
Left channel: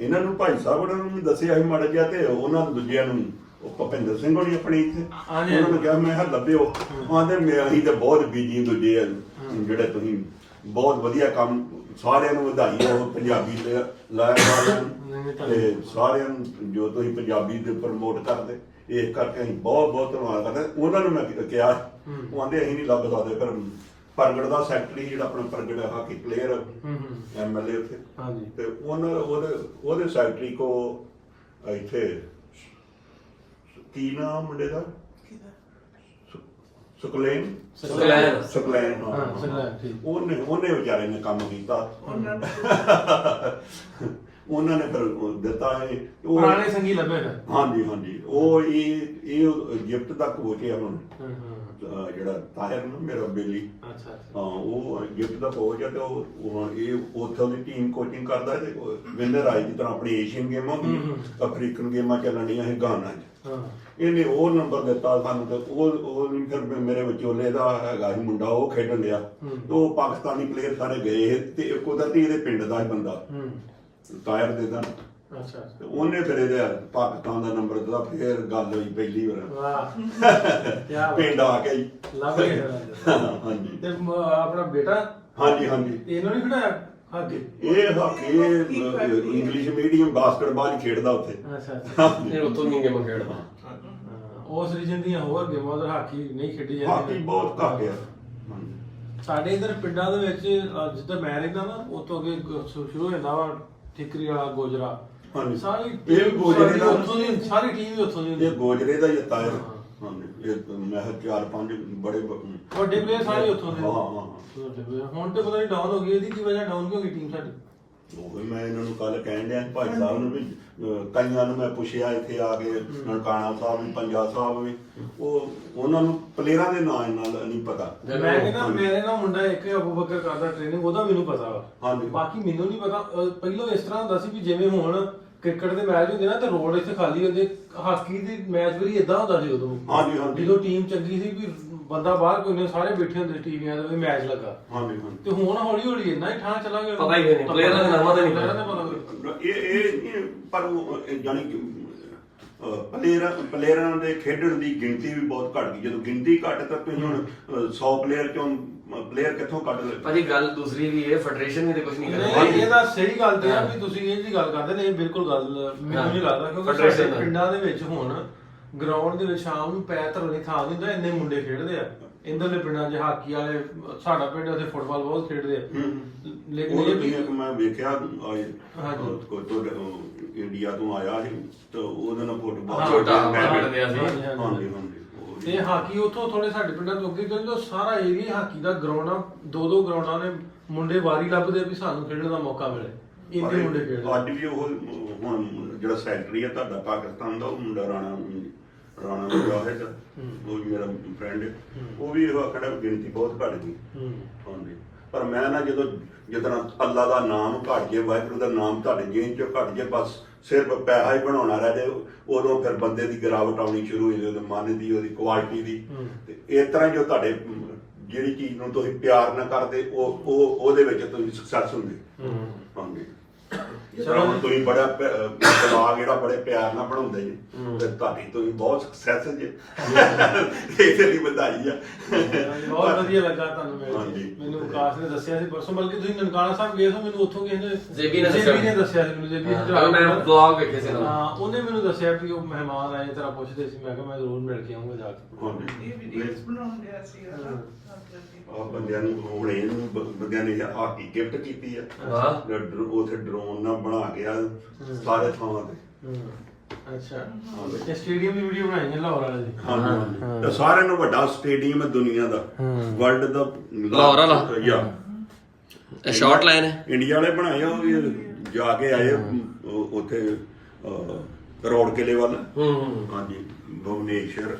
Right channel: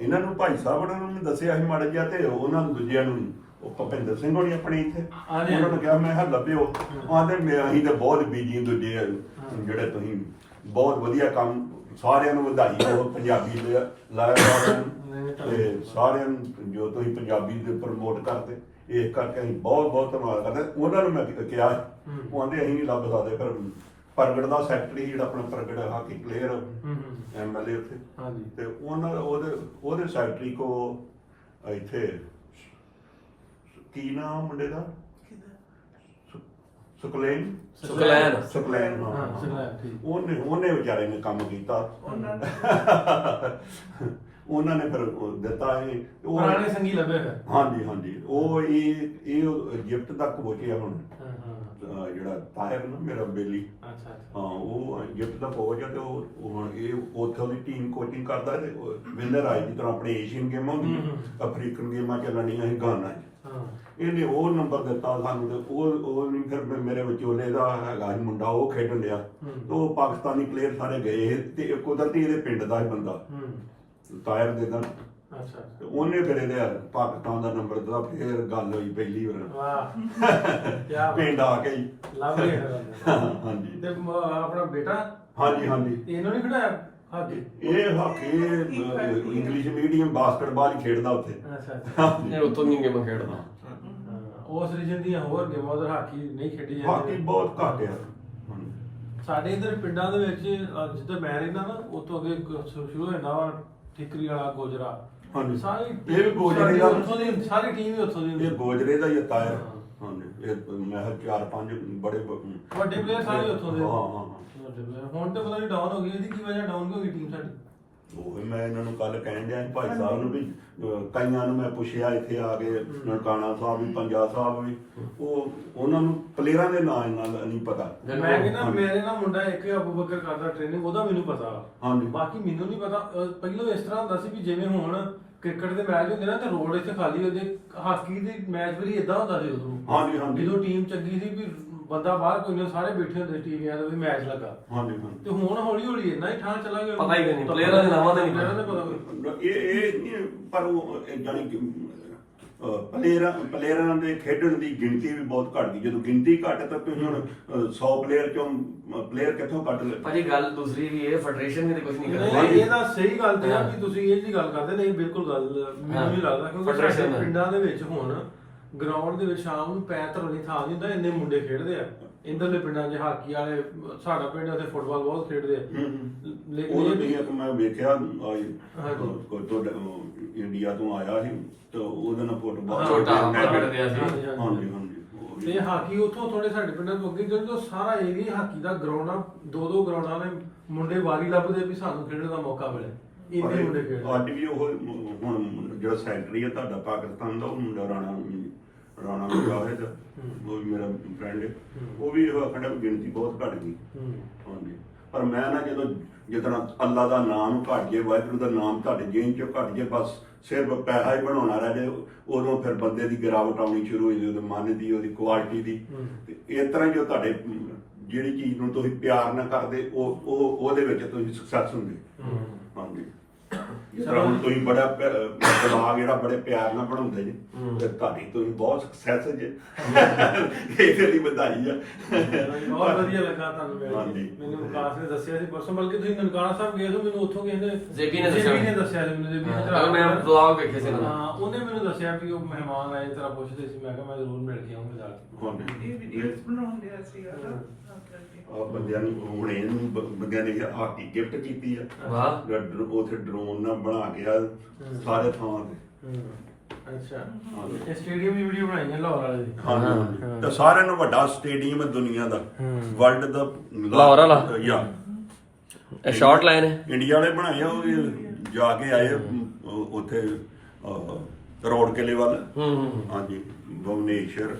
B: ਇਹਨਾਂ ਨੂੰ ਭਾਈ ਸਾਹਿਬ ਉਹਨਾਂ ਨੂੰ ਵੀ ਦੱਸਿਆ ਸੀ ਮਾੜਾ ਜਿਹਾ ਤੇ ਉਹਨਾਂ ਨੂੰ ਦੂਜਿਆਂ ਨੂੰ ਉਹ ਭਪਿੰਦਰ ਸਿੰਘ ਹੋਣੀ ਆਪਣੀ ਇੱਥੇ।
A: ਹਾਂਜੀ।
B: ਉਹਨਾਂ ਨੂੰ ਕਿਹਾ ਮੈਂ ਕਿਹਾ ਲੱਭਿਓ। ਆਂਦੇ ਮੈਂ ਅਸੀਂ ਤਾਂ ਬਹੁਤ ਬੀਜੀ ਦੂਜੇ ਆ। ਜਿਹੜੇ ਤੁਸੀਂ ਬਹੁਤ ਵਧੀਆ ਕੰਮ ਸਾਰਿਆਂ ਨੂੰ ਵਧਾਈ ਉਹ ਪੰਜਾਬੀ ਦੇ ਲਾਇਆ ਤੇ ਸਾਰਿਆਂ ਨੂੰ ਜੋ ਤੁਸੀਂ ਪੰਜਾਬੀ ਦੇ ਪ੍ਰਮੋਟ ਕਰਦੇ ਇਸ ਕਰਕੇ ਅਸੀਂ ਬਹੁਤ ਬਹੁਤ ਧੰਨਵਾਦ ਕਰਦੇ ਉਹਨਾਂ ਨੂੰ ਮੈਂ ਕਿਹਾ ਉਹ ਆਂਦੇ ਅਸੀਂ ਨਹੀਂ ਲੱਭ ਸਕਦੇ ਪਰ ਪ੍ਰਗਟ ਦਾ ਸੈਕਟਰੀ ਜਿਹੜਾ ਆਪਣਾ ਪ੍ਰਗਟ ਹਾਕੀ ਪਲੇਅਰ ਐਮਐਲਏ ਉੱਥੇ।
A: ਹਾਂਜੀ।
B: ਤੇ ਉਹਨਾਂ ਉਹਦੇ ਉਹਦੇ ਸੈਕਟਰੀ ਕੋ ਇੱਥੇ ਕੀ ਨਾਮ ਮੁੰਡੇ ਦਾ? ਸੁਕਲੇਨ
F: ਸੁਕਲੈਨ।
B: ਸੁਕਲੇਨ ਹਾਂ
A: ਸੁਕਲੈਨ, ਠੀਕ।
B: ਉਹਨੇ ਉਹਨੇ ਵਿਚਾਰੇ ਨੇ ਕੰਮ ਕੀਤਾ।
G: ਉਹਨਾਂ
B: ਉਹਨਾਂ ਨੇ ਫਿਰ ਉਹ ਦਿੱਤਾ ਇਹ। ਉਹ
A: ਪੁਰਾਣੇ ਸੰਗੀ ਲੱਭੇ ਫਿਰ?
B: ਹਾਂਜੀ ਹਾਂਜੀ। ਉਹ ਇਹ ਇਹ ਗਿਫਟ ਕੋਚ ਹੈ ਹੁਣ।
A: ਹਾਂ ਹਾਂ
B: ਅਹ ਜਿਹੜਾ ਤਾਹਿਰ ਨਾ ਮੇਰਾ ਬੇਲੀ।
A: ਅੱਛਾ
B: ਹਾਂ ਉਹ ਗਿਫਟ ਦਾ ਕੋਚ ਹੈ ਤੇ ਉਹ ਹੁਣ ਇਹ ਉੱਥੋਂ ਦੀ ਟੀਮ ਕੋਚਿੰਗ ਕਰਦਾ ਤੇ ਵਿਨਰ ਆਈ ਦੀ ਤਰ੍ਹਾਂ ਆਪਣੀ ਏਸ਼ੀਅਨ ਗੇਮਾਂ ਹੁੰਦੀਆਂ ਅਫਰੀਕਨ ਗੇਮਾਂ ਚੱਲਣੀਆਂ ਸੀ ਗਾਨਾ 'ਚ।
A: ਹਾਂ।
B: ਇਹਨੇ ਉਹ ਨੰਬਰ ਦਿੱਤਾ ਸਾਨੂੰ ਤੇ ਉਹ ਉਹ ਨਹੀਂ ਫਿਰ ਮੈਂ- ਮੇਰੇ ਵਿਚੋਲੇ ਦਾ ਹੈਗਾ ਸੀ ਮੁੰਡਾ ਉਹ ਖੇਡਣ ਡਿਆ। ਤੇ ਉਹ ਪਾਕਿਸਤਾਨੀ ਪਲੇਅਰ ਸਾਰੇ ਗਏ ਤੇ ਇੱਕ ਕੁਦਰਤੀ ਇਹਦੇ ਪਿੰਡ ਦਾ ਹੀ ਬੰਦਾ।
A: ਹੂੰ।
B: ਤਾਇਰ ਦੇ ਦਾ
A: ਅੱਛਾ
B: ਤੇ ਉਹਨੇ ਫਿਰ ਇਹਦੇ ਪਾਕਿਸਤਾਨ ਦਾ ਨੰਬਰ ਦਿੱਤਾ ਫਿਰ ਗੱਲ ਹੋਈ ਪਹਿਲੀ ਵਾਰ।
A: ਵਾਹ। ਕੀ ਬਾਤ।
B: ਪਿੰਡ ਆ ਕੇ ਹੀ।
A: ਲੱਭ ਫਿਰ। ਬੰਦੇ।
B: ਹਾਂਜੀ।
A: ਤੇ ਮ- ਆਪਣਾ ਬੇਟਾ?
B: ਹਾਂਜੀ ਹਾਂਜੀ।
A: ਤੇ ਇਹਨੂੰ ਨਹੀਂ ਖੜਾਇਆ? ਹਾਕੀ
B: ਇਹ ਹਾਕੀ ਇੰਗਲਿਸ਼ ਮੀਡੀਅਮ ਬਾਸਕਟਬਾਲ ਹੀ ਖੇਡਦਾ ਉੱਥੇ।
A: ਅੱਛਾ ਅੱਛਾ।
F: ਇਹ ਉੱਥੋਂ ਦੀਆਂ ਗੇਮਾਂ ਖੇਡਦਾ।
A: ਹਾਂ, ਉਸ ਰੀਜਨ ਦੀਆਂ ਹੋਰ ਗੇਮਾਂ ਉਧਰ ਹਾਕੀ ਨਹੀਂ ਖੇਡੀ
B: ਹਾਕੀ
A: ਜਾਂਦੀ
B: ਬਹੁਤ ਘੱਟ ਆ। ਹਾਂਜੀ।
A: ਸਾਡੇ ਇਧਰ ਪਿੰਡਾਂ ਦੇ ਵਿੱਚ ਜਿੱਦਾਂ ਮੈਂ ਰਹਿੰਦਾ ਨਾ ਉਤੋਂ ਅੱਗੇ ਸ਼ੁਰੂ ਹੋ ਜਾਂਦਾ ਵਾ ਠਿਕਰੀ ਵਾਲਾ ਗੋਜਰਾ।
B: ਹਾਂਜੀ।
A: ਸਾਰੀ
B: ਇਹ ਗੋਜਰੇ ਦਾ-
A: ਉੱਥੋਂ ਦੀ ਸਾਰੀ ਟੀਮ ਹੀ ਉੱਥੋਂ ਦੀ ਹੁੰਦੀ।
B: ਇਹ ਗੋਜਰੇ ਦਾ ਹੀ ਆ ਤਾਇਰ
A: ਹਾਂ।
B: ਹਾਂਜੀ। ਇਹ ਮੈਂ ਕਿਹਾ ਚਾਰ ਪੰਜ ਬੜੇ
A: ਵੱਡੇ ਪਲੇਅਰ ਸਾਰੇ ਉੱਥੋਂ ਦੇ।
B: ਹਾਂ ਹਾਂ।
A: ਵੱਡੇ player। ਹੁਣ ਤੇ ਪਤਾ ਨਹੀਂ ਡਾਊਨ ਹੋ ਗਈ ਇਹਦੀ ਕੀ ਵਜ੍ਹਾ ਡਾਊਨ ਕਿਉਂ ਹੋ ਗਈ ਟੀਮ ਸਾਡੀ?
B: ਉਹ ਮੈਂ ਇਹਨਾਂ ਨੂੰ ਕੱਲ ਕਹਿਣ ਡਿਆ ਸੀ ਭਾਈ ਸਾਹਿਬ ਨੂੰ ਵੀ ਅਹ, ਕਈਆਂ ਨੂੰ ਮੈਂ ਪੁੱਛਿਆ ਇੱਥੇ ਆ ਕੇ ਨਨਕਾਣਾ ਸਾਹਿਬ ਵੀ ਪੰਜਾਬ ਸਾਹਿਬ ਵੀ ਉਹ ਉਹਨਾਂ ਨੂੰ ਪਲੇਅਰਾਂ ਦੇ ਨਾਂ ਨਾਲ ਨਹੀਂ ਪਤਾ।
A: ਮੈਂ ਕਹਿੰਦਾ ਮੇਰੇ ਨਾਲ ਮੁੰਡਾ ਇੱਕ ਅਬੂ ਬਕਰ ਕਰਦਾ ਟ੍ਰੇਨਿੰਗ ਉਹਦਾ ਮੈਨੂੰ ਪਤਾ ਵਾ।
B: ਹਾਂਜੀ।
A: ਬਾਕੀ ਮੈਨੂੰ ਨਹੀਂ ਪਤਾ ਅਹ ਪਹਿਲਾਂ ਇਸ ਤਰ੍ਹਾਂ ਹੁੰਦਾ ਸੀ ਵੀ ਜਿਵੇਂ ਹੁਣ ਕ੍ਰਿਕਟ ਦੇ ਮੈਚ ਹੁੰਦੇ ਨਾ ਤਾਂ ਰੋਡ ਇੱਥੇ ਖਾਲੀ ਹੁੰਦੇ ਹਾਕੀ ਦੇ ਮੈਚ ਵੀ ਇਦਾਂ ਹੁੰਦਾ ਸੀ ਉਦੋਂ।
B: ਹਾਂਜੀ, ਹਾਂਜੀ।
A: ਜਦੋਂ ਟੀਮ ਚੰਗੀ ਸੀ ਵੀ ਬੰਦਾ ਬਾਹਰ ਕੋਈ ਨਹੀਂ ਸਾਰੇ ਬੈਠੇ ਹੁੰਦੇ ਟੀਵੀਆਂ ਵੀ ਮੈਚ ਲੱਗਾ।
B: ਹਾਂਜੀ ਹਾਂਜੀ।
A: ਤੇ ਹੁਣ ਹੌਲੀ ਹੌਲੀ ਇੰਨਾ ਹੀ ਠਾਂ ਚਲਾਂਗੇ
F: ਪਤਾ ਹੀ ਨਹੀਂ, ਪਲੇਅਰਾਂ ਦੇ ਨਾਮਾਂ ਦਾ ਨਹੀਂ ਪਤਾ।
B: ਇਹ ਇਹ ਪਰ ਉਹ ਜਾਣੀ ਕਿ ਪਲੇਅਰਾਂ ਪਲੇਅਰਾਂ ਦੇ ਖੇਡਣ ਦੀ ਗਿਣਤੀ ਵੀ ਬਹੁਤ ਘਟ ਗਈ। ਜਦੋਂ ਗਿਣਤੀ ਘਟ ਤਾਂ ਤੁਸੀਂ ਹੁਣ 100 ਪਲੇਅਰ ਚੋਂ ਪਲੇਅਰ ਕਿੱਥੋਂ ਕੱਢ ਲੈ
F: ਭਾਜੀ ਗੱਲ ਦੂਸਰੀ ਵੀ ਇਹ ਫੈਡਰੇਸ਼ਨ ਵੀ ਤੇ ਕੁਝ ਨਹੀਂ ਕਰ
A: ਨਹੀਂ
F: ਰਹੀ
A: ਇਹ ਤਾਂ ਸਹੀ ਗੱਲ ਤੇ ਆ ਵੀ ਤੁਸੀਂ ਇਹ ਜੀ ਗੱਲ ਕਰਦੇ ਨਹੀਂ ਬਿਲਕੁਲ ਗੱਲ ਮੈਨੂੰ ਨਹੀਂ ਲੱਗਦਾ ਕਿਉਂਕਿ
F: Federation
A: ਸਾਡੇ
F: ਦਾ।
A: ਪਿੰਡਾਂ ਦੇ ਵਿੱਚ ਹੁਣ ਗਰਾਊਂਡ ਦੇ ਵਿੱਚ ਸ਼ਾਮ ਨੂੰ ਪੈਰ ਧਰਨ ਦੀ ਥਾਂ ਨਹੀਂ ਹੁੰਦਾ ਇੰਨੇ ਮੁੰਡੇ ਖੇਡਦੇ ਆ। ਇੰਦਰਲੇ ਪਿੰਡਾਂ 'ਚ ਹਾਕੀ ਵਾਲੇ ਸਾਡਾ ਪਿੰਡ ਉੱਥੇ ਫੁੱਟਬਾਲ ਬਹੁਤ ਖੇਡਦੇ ਆ। ਲੇਕਿਨ ਇਹ
B: ਵੀ ਇੱਕ ਮੈਂ ਵੇਖਿਆ। ਕੋਈ ਤੁਹਾਡੇ ਇੰਡੀਆ ਤੋਂ ਆਇਆ ਸੀ ਤਾਂ ਉਹਦੇ ਨਾਲ ਫੁੱਟਬਾਲ
F: ਛੋਟਾ ਖੇਡਦੇ ਸੀ।
A: ਹਾਂਜੀ, ਹਾਂਜੀ। ਤੇ ਹਾਕੀ ਉੱਥੋਂ ਥੋੜੇ ਸਾਡੇ ਪਿੰਡਾਂ ਤੋਂ ਅੱਗੇ ਜਦੋਂ ਸਾਰਾ ਏਰੀਆ ਹਾਕੀ ਦਾ ਗਰਾਊਂਡ ਆ। ਦੋ ਦੋ ਗਰਾਊਂਡਾਂ ਨੇ ਮੁੰਡੇ ਵਾਰੀ ਲੱਭਦੇ ਵੀ ਸਾਨੂੰ ਖੇਡਣ ਦਾ ਮੌਕਾ ਮਿਲੇ। ਇੰਨੇ ਮੁੰਡੇ ਖੇਡਦੇ
B: ਅੱਜ ਵੀ ਉਹ ਹੁਣ ਜਿਹੜਾ ਸੈਕਟਰੀ ਹੈ ਤੁਹਾਡਾ ਪਾਕਿਸਤਾਨ ਦਾ ਉਹ ਮੁੰਡਾ ਰਾਣਾ ਰਾਣਾ ਮੁਜਾਹਿਦ ਉਹ ਵੀ ਮੇਰਾ ਫਰੈਂਡ ਉਹ ਵੀ ਇਹ ਆਖਣਾ ਗਿਣਤੀ ਬਹੁਤ ਘਟ ਗਈ।
A: ਹੂੰ।
B: ਹਾਂਜੀ। ਪਰ ਮੈਂ ਨਾ ਜਦੋਂ ਜਦੋਂ ਅੱਲਾ ਦਾ ਨਾਮ ਘਟ ਜੇ ਵਾਹਿਗੁਰੂ ਦਾ ਨਾਮ ਤੁਹਾਡੇ ਜੇਨ ਚੋਂ ਘਟ ਜੇ ਬਸ ਸਿਰਫ ਪੈਸਾ ਹੀ ਬਣਾਉਣਾ ਰਹਿ ਜੇ ਉਦੋਂ ਫਿਰ ਬੰਦੇ ਦੀ ਗਿਰਾਵਟ ਆਉਣੀ ਸ਼ੁਰੂ ਹੋ ਜਾਂਦੀ ਉਹਦੇ ਮਨ ਦੀ ਉਹਦੀ ਕੁਆਲਿਟੀ ਦੀ। ਤੇ ਇਸ ਤਰ੍ਹਾਂ ਜੋ ਤੁਹਾਡੇ ਜਿਹੜੀ ਚੀਜ਼ ਨੂੰ ਤੁਸੀਂ ਪਿਆਰ ਨਾਲ ਕਰਦੇ ਉਹ ਉਹ ਉਹਦੇ ਵਿੱਚ ਤੁਸੀਂ ਸਕਸੈਸ ਹੁੰਦੇ। ਤਰ੍ਹਾਂ ਹੁਣ ਤੁਸੀਂ ਬੜਾ ਪ- ਅਹ ਦਿਮਾਗ ਜਿਹੜਾ ਬੜੇ ਪਿਆਰ ਨਾਲ ਬਣਾਉਂਦੇ ਜੀ। ਤੇ ਤੁਹਾਡੀ ਤੁਸੀਂ ਬਹੁਤ ਸਕਸੈਸ ਜੇ। ਇਹਦੇ ਲਈ ਵਧਾਈ ਆ।
A: ਬਹੁਤ ਵਧੀਆ ਲੱਗਾ ਤੁਹਾਨੂੰ ਮਿਲ
B: ਹਾਂਜੀ।
A: ਕੇ ਮੈਨੂੰ ਵਿਕਾਸ ਨੇ ਦੱਸਿਆ ਸੀ ਪਰਸੋਂ ਬਲਕਿ ਤੁਸੀਂ ਨਨਕਾਣਾ ਸਾਹਿਬ ਗਏ ਹੋ ਮੈਨੂੰ ਉੱਥੋਂ ਕਿਸੇ ਨੇ
F: ਜ਼ੇਬੀ ਨੇ ਦੱਸਿਆ।
A: ਨੇ ਦੱਸਿਆ ਸੀ ਮੈਨੂੰ ਜ਼ੇਬੀ ਨੇ
F: ਹਾਂ ਮੈਂ ਵਲੌਗ ਵੇਖੇ ਸੀ
A: ਹਾਂ ਉਹਨੇ ਮੈਨੂੰ ਦੱਸਿਆ ਕਿ ਉਹ ਮਹਿਮਾਨ ਆਏ ਤਰ੍ਹਾਂ ਪੁੱਛਦੇ ਸੀ ਮੈਂ ਕਿਹਾ ਮੈਂ ਜ਼ਰੂਰ ਮਿਲ ਕੇ ਆਉਂਗਾ ਜਾ ਕੇ।
B: ਹਾਂਜੀ।
G: ਇਹ ਵੀਡੀਓਜ਼ ਬਣਾਉਂਦੇ ਆ ਸੀ।
A: ਹਾਂ।
B: ਆ ਬੰਦਿਆਂ ਨੂੰ ਹੁਣ ਇਹਨੂੰ ਬ- ਬੰਦਿਆਂ ਨੇ ਹਾਕੀ ਗਿਫਟ ਕੀਤੀ ਆ।
F: ਵਾਹ।
B: ਜਿਹੜਾ ਡਰ- ਉੱਥੇ ਡਰੋਨ ਨਾਲ ਬਣਾ ਕੇ ਆ ਸਾਰੇ ਥਾਵਾਂ ਤੇ।
A: ਹੂੰ। ਅੱਛਾ। ਇਹ ਸਟੇਡੀਅਮ ਦੀ ਵੀਡੀਓ ਬਣਾਈ ਹੈ ਲਾਹੌਰ ਵਾਲੇ ਦੀ।
B: ਹਾਂਜੀ ਹਾਂਜੀ ਤੇ ਸਾਰਿਆਂ ਨਾਲੋਂ ਵੱਡਾ ਸਟੇਡੀਅਮ ਹੈ ਦੁਨੀਆ ਦਾ। ਵਰਲਡ ਦਾ
F: ਲਾਹੌਰ ਵਾਲਾ?
B: ਯਾ
F: ਇਹ ਸ਼ਾਰਟ ਲਾਈਨ ਹੈ।
B: ਇੰਡੀਆ ਨੇ ਬਣਾਏ ਆ ਉਹ ਵੀ ਜਾ ਕੇ ਆਏ ਉਹ- ਉੱਥੇ ਅਹ, ਕਰੋੜ ਕਿਲੇ ਵੱਲ।
F: ਹੂੰ ਹੂੰ।
B: ਹਾਂਜੀ। ਭੁਵਨੇਸ਼ਵਰ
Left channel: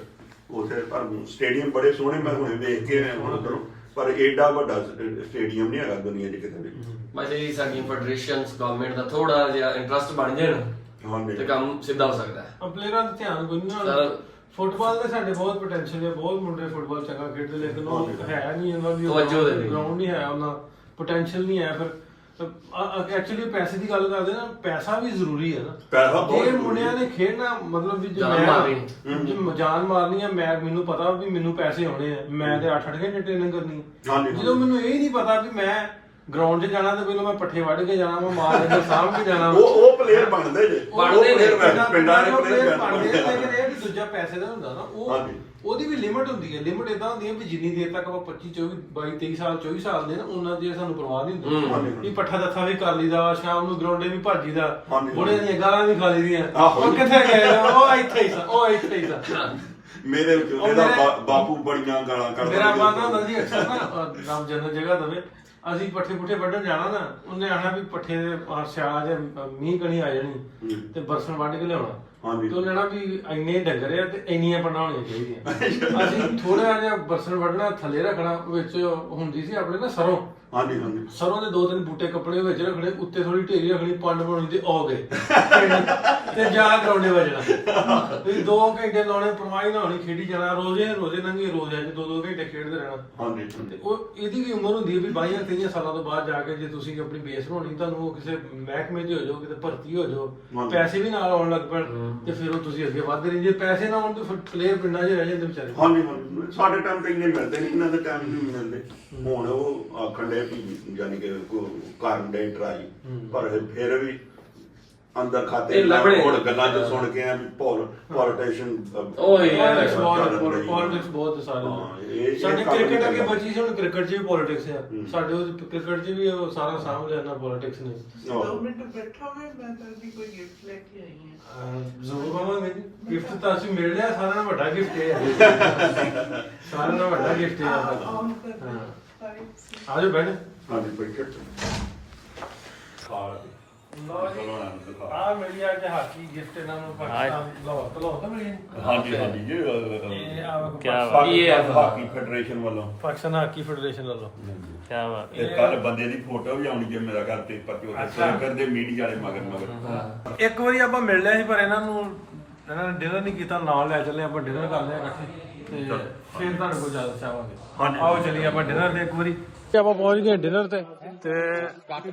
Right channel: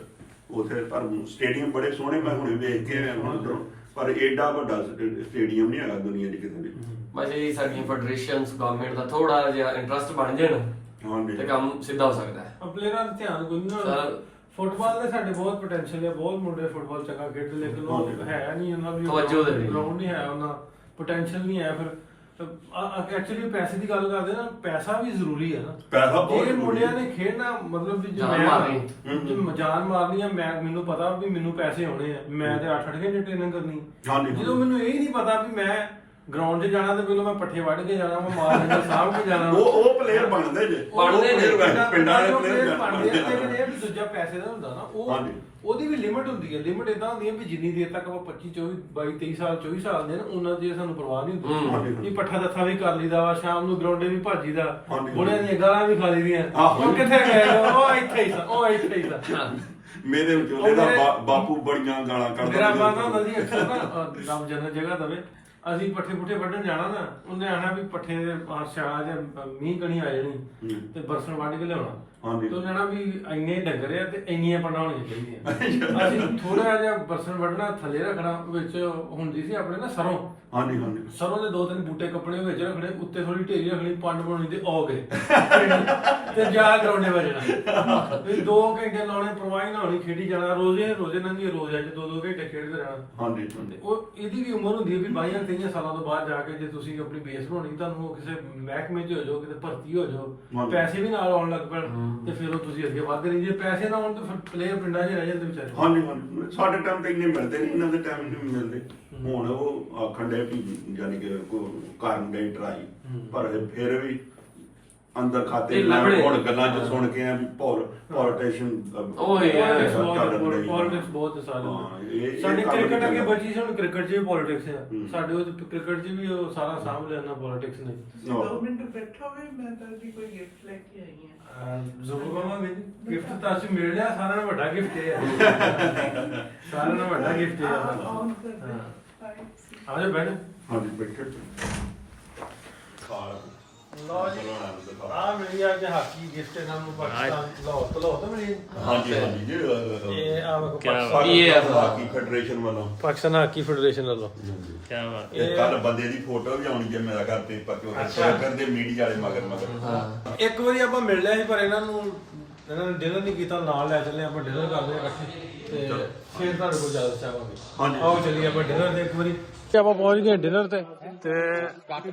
B: ਉਥੇ ਪਰ ਸਟੇਡੀਅਮ ਬੜੇ ਸੋਹਣੇ ਮੈਂ ਹੁਣੇ ਵੇਖ ਕੇ ਆਇਆ ਹੁਣ ਉੱਧਰੋਂ ਪਰ ਏਡਾ ਵੱਡਾ ਸਟੇਡੀਅਮ ਨਹੀਂ ਹੈਗਾ ਦੁਨੀਆ 'ਚ ਕਿਤੇ ਵੀ
F: ਮੈਂ ਜਿਹੜੀ ਸਾਡੀ ਫੈਡਰੇਸ਼ਨਸ ਗਵਰਨਮੈਂਟ ਦਾ ਥੋੜਾ ਜਿਹਾ ਇੰਟਰਸਟ ਬਣ ਜਾਣ
B: ਹਾਂਜੀ
F: ਤੇ ਕੰਮ ਸਿੱਧਾ ਹੋ ਸਕਦਾ ਹੈ
A: ਪਲੇਅਰਾਂ ਦਾ ਧਿਆਨ ਕੋਈ ਨਹੀਂ
F: ਸਾਰਾ-
A: ਫੁੱਟਬਾਲ ਦੇ ਸਾਡੇ ਬਹੁਤ ਪੋਟੈਂਸ਼ੀਅਲ ਹੈ ਬਹੁਤ ਮੁੰਡੇ ਫੁੱਟਬਾਲ ਚੰਗਾ ਖੇਡਦੇ ਲੇਕਿਨ ਉਹ। ਹੈ ਨਹੀਂ ਉਹਨਾਂ ਦੀ
F: ਤਵੱਜੋ ਦੇ ਨਹੀਂ।
A: ਗਰਾਊਂਡ ਨਹੀਂ ਹੈ ਉਹਨਾਂ ਪੋਟੈਂਸ਼ੀਅਲ ਨਹੀਂ ਹੈ ਫਿਰ ਐਕਚੁਅਲੀ ਪੈਸੇ ਦੀ ਗੱਲ ਕਰਦੇ ਨਾ ਪੈਸਾ ਵੀ ਜ਼ਰੂਰੀ ਹੈ ਨਾ
B: ਪੈਸਾ ਬਹੁਤ
A: ਜੇ
B: ਜ਼ਰੂਰੀ
A: ਮੁੰਡਿਆਂ
B: ਹੈ।
A: ਨੇ ਖੇਡਣਾ ਮਤਲਬ ਵੀ ਜੇ
F: ਜਾਨ
A: ਮੈਂ
F: ਮਾਰਨੀ।
A: ਜੇ ਮ- ਜਾਨ ਮਾਰਨੀ ਆ ਮੈਂ ਮੈਨੂੰ ਪਤਾ ਵੀ ਮੈਨੂੰ ਪੈਸੇ ਆਉਣੇ ਆ ਮੈਂ ਤੇ 8-8 ਘੰਟੇ ਟ੍ਰੇਨਿੰਗ ਕਰਨੀ
B: ਹਾਂਜੀ।
A: ਜਦੋਂ ਮੈਨੂੰ ਇਹ ਨਹੀਂ ਪਤਾ ਵੀ ਮੈਂ ਗਰਾਊਂਡ 'ਚ ਜਾਣਾ ਤੇ ਪਹਿਲਾਂ ਮੈਂ ਪੱਠੇ ਵੱਢ ਕੇ ਜਾਣਾ ਮੈਂ ਮਾਰ ਲੈਂਦਾ ਸਾਂਭ ਕੇ ਜਾਣਾ।
B: ਉਹ ਉਹ ਪਲੇਅਰ ਬਣਦੇ ਜੇ।
F: ਬਣਦੇ ਨੇ,
B: ਪਿੰਡਾਂ ਦੇ ਪਲੇਅਰ
A: ਬਣਦੇ ਲੇਕਿਨ
B: ਬਣਦੇ
A: ਇਹ ਦੂਜਾ ਪੈਸੇ ਦਾ ਹੁੰਦਾ ਨਾ ਉਹ। ਉਹਦੀ ਵੀ ਲਿਮਿਟ ਹੁੰਦੀ ਹੈ। ਲਿਮਿਟ ਇਦਾਂ ਹੁੰਦੀ ਹੈ ਵੀ ਜਿੰਨੀ ਦੇਰ ਤੱਕ ਆਪਾਂ 25 24 22 23 ਸਾਲ 24 ਸਾਲ ਦੇ ਨਾ ਉਹਨਾਂ ਦੀ ਸਾਨੂੰ ਪਰਵਾਹ ਨਹੀਂ ਹੁੰਦੀ। ਵੀ ਪੱਠਾ ਦੱਥਾ ਵੀ ਕਰ ਲਈਦਾ ਵਾ ਸ਼ਾਮ ਨੂੰ ਗਰਾਊਂਡੇ ਵੀ ਭੱਜੀਦਾ
B: ਹਾਂਜੀ।
A: ਬੁੜਿਆਂ ਦੀਆਂ ਗਾਲਾਂ ਵੀ ਖਾ ਲਈਦੀਆਂ। ਉਹ ਕਿੱਥੇ ਗਏ? ਉਹ ਇੱਥੇ ਹੀ ਸਾ ਉਹ ਇੱਥੇ ਹੀ ਸਾ।
B: ਮੇਰੇ
A: ਉਹ
B: ਇਹਦਾ
A: ਮੇਰੇ-
B: ਬਾ- ਬਾਪੂ ਬੜੀਆਂ ਗਾਲਾਂ ਕੱਢਦਾ
A: ਮੇਰਾ। ਮਾਤਾ ਹੁੰਦਾ ਸੀ ਅਕਸਰ ਨਾ ਜਨਤ ਜਗ੍ਹਾ ਦਵੇ। ਅਸੀਂ ਪੱਠੇ ਪੁੱਠੇ ਵੱਢਣ ਜਾਣਾ ਨਾ ਉਹਨੇ ਆਣਾ ਵੀ ਪੱਠੇ ਦੇ ਆਹ ਸਿਆਲਾਂ ਦੇ ਮੀਂਹ ਕਣੀ ਆ ਜਾਣੀ
B: ਹੂੰ।
A: ਤੇ ਬਰਸਨ ਵੱਢ ਕੇ ਲਿਆਉਣਾ
B: ਹਾਂਜੀ।
A: ਤੇ ਉਹਨੇ ਨਾ ਵੀ ਇੰਨੇ ਡੰਗਰ ਆ ਤੇ ਇੰਨੀਆਂ ਪੰਡਾਂ ਹੋਣੀਆਂ ਚਾਹੀਦੀਆਂ ਅਸੀਂ ਥੋੜਾ ਜਿਹਾ ਬਰਸਨ ਵੱਢਣਾ ਥੱਲੇ ਰੱਖਣਾ ਵਿੱਚ ਹੁੰਦੀ ਸੀ ਆਪਣੇ ਨਾ ਸਰੋਂ
B: ਹਾਂਜੀ ਹਾਂਜੀ।
A: ਸਰੋਂ ਦੇ ਦੋ ਤਿੰਨ ਬੂਟੇ ਕੱਪੜੇ ਵਿੱਚ ਰੱਖਣੇ ਉੱਤੇ ਥੋੜੀ ਢੇਰੀ ਰੱਖਣੀ ਪੰਡ ਬਣਾਉਣੀ ਤੇ ਆ ਗਏ। ਤੇ ਜਾ ਗਰਾਉਂਡੇ ਵੱਜਣਾ। ਵੀ ਦੋ ਘੰਟੇ ਲਾਉਣੇ ਪਰਵਾਹੀ ਨਾ ਹੋਣੀ ਖੇਡੀ ਜਾਣਾ ਰੋਜ਼ੇ ਰੋਜ਼ੇ ਨੰਗੇ ਰੋਜ਼ ਅੱਜ ਦੋ ਦੋ ਘੰਟੇ ਖੇਡਦੇ ਰਹਿਣਾ।
B: ਹਾਂਜੀ
A: ਤੇ
B: ਹਾਂਜੀ।
A: ਉਹ ਇਹਦੀ ਵੀ ਉਮਰ ਹੁੰਦੀ ਹੈ ਵੀ 22 23 ਸਾਲਾਂ ਤੋਂ ਬਾਅਦ ਜਾ ਕੇ ਜੇ ਤੁਸੀਂ ਆਪਣੀ ਬੇਸ ਬਣਾਉਣੀ ਤੁਹਾਨੂੰ ਉਹ ਕਿਸੇ ਮਹਿਕਮੇ 'ਚ ਹੋ ਜਾਓ ਕਿਤੇ ਭਰਤੀ ਹੋ ਜਾਓ। ਪੈਸੇ ਵੀ ਨਾਲ ਆਉਣ ਲੱਗ ਪੈਣ ਤੇ ਫਿਰ ਉਹ ਤੁਸੀਂ ਅੱਗੇ ਵੱਧਦੇ ਨਹੀਂ ਜੇ ਪੈਸੇ ਨਾ ਆਉਣ ਤਾਂ ਫਿਰ ਪਲੇਅਰ ਪਿੰਡਾਂ 'ਚ ਰਹਿ ਜਾਂਦੇ ਵਿਚਾਰੇ।
B: ਹਾਂਜੀ ਹਾਂਜੀ। ਸਾਡੇ ਟਾਈਮ ਤੇ ਇੰਨੇ ਮਿਲਦੇ ਨਹੀਂ ਇਹਨਾਂ ਦੇ ਟਾਈਮ ਨਹੀਂ ਮਿਲਦੇ ਹੁਣ ਉਹ ਆਖਣ ਦੇ ਵੀ ਯਾਨੀ ਕਿ ਕੋ- ਕਰਨ ਦੇ ਟਰਾਈ ਪਰ ਫਿਰ ਵੀ ਅੰਦਰ ਖਾਤੇ ਮੈਂ। ਹੁਣ ਗੱਲਾਂ ਚ ਸੁਣ ਕੇ ਆ ਵੀ ਪੋਲ ਪੋਲੀਟੀਸ਼ੀਅਨ
F: ਉਹ ਯਾਰ,
A: ਪੋਲਿਟਿਕਸ ਬਹੁਤ ਸਾਰੇ ਸਾਡੇ ਕ੍ਰਿਕਟ ਅੱਗੇ। ਬਚੀ ਸੀ ਹੁਣ ਕ੍ਰਿਕਟ 'ਚ ਵੀ ਪੋਲਿਟਿਕਸ ਹੈ
B: ਹੂੰ।
A: ਸਾਡੇ ਉਹ ਕ੍ਰਿਕਟ 'ਚ ਵੀ ਉਹ ਸਾਰਾ ਸਾਂਭ ਲਿਆ ਪੋਲਿਟਿਕਸ ਨੇ।
G: ਦੋ ਮਿੰਟ ਬੈਠਾ ਹੋਵੇ ਮੈਂ ਤਾਂ ਦੀ ਕੋਈ ਗਿਫਟ ਲੈ ਕੇ ਆਈ ਹਾਂ।
A: ਜ਼ਰੂਰ ਕਹਾਂਗੇ ਗਿਫਟ ਤਾਂ ਅਸੀਂ ਮਿਲ ਲਿਆ ਸਾਰਿਆਂ ਨਾਲ ਵੱਡਾ ਗਿਫਟ ਹੈ ਸਾਰਿਆਂ ਨਾਲ ਵੱਡਾ ਗਿਫਟ ਹੈ ਹਾਂ।
G: ਸਾਰੇ
A: ਆ ਜਾਓ ਬੈਠ।
B: ਹਾਂਜੀ ਬੈਠੇ ਖਾਲ
A: ਲਓ ਜੀ ਆ ਮੇਰੀ ਅੱਜ ਹਾਕੀ ਗਿਫਟ ਇਹਨਾਂ ਨੂੰ ਪਾਕਿਸਤਾਨ ਲਾਹੌਰ ਤੋਂ ਲਾਹੌਰ ਤੋਂ ਮਿਲੀ ਹੈ।
B: ਹਾਂਜੀ ਹਾਂਜੀ ਜੀ
A: ਇਹ ਆ ਵੇਖੋ
C: ਕਿਆ
A: ਪਾਕਿਸਤਾਨ-
B: ਪਾਕਿਸਤਾਨ ਹਾਕੀ ਫੈਡਰੇਸ਼ਨ ਵੱਲੋਂ।
A: ਪਾਕਿਸਤਾਨ ਹਾਕੀ ਫੈਡਰੇਸ਼ਨ ਵੱਲੋਂ।
C: ਕੀ ਬਾਤ।
B: ਇਹ ਕੱਲ ਬੰਦੇ ਦੀ ਫੋਟੋ ਵੀ ਆਉਣੀ ਜੇ ਮੇਰਾ ਘਰ ਪੇਪਰ ਤੇ ਉਹਦੇ ਸੋਲਰ ਦੇ ਮੀਡੀਆ ਵਾਲੇ ਮਗਰ ਮਗਰ।
A: ਇੱਕ ਵਾਰੀ ਆਪਾਂ ਮਿਲ ਲਿਆ ਸੀ ਪਰ ਇਹਨਾਂ ਨੂੰ ਇਹਨਾਂ ਨੇ ਡਿਨਰ ਨਹੀਂ ਕੀਤਾ ਨਾਲ ਲੈ ਚੱਲੇ ਆਪਾਂ ਡਿਨਰ ਕਰਦੇ ਆ ਇਕੱਠੇ। ਤੇ ਫਿਰ ਤੁਹਾਡੇ ਕੋਲ ਜ਼ਿਆਦਾ ਚਾਹਾਂਗੇ ਆਓ ਚਲੀਏ ਆਪਾਂ ਡਿਨਰ ਤੇ ਇੱਕ ਵਾਰੀ। ਆਪਾਂ ਪਹੁੰਚ ਗਏ ਡਿਨਰ ਤੇ। ਤੇ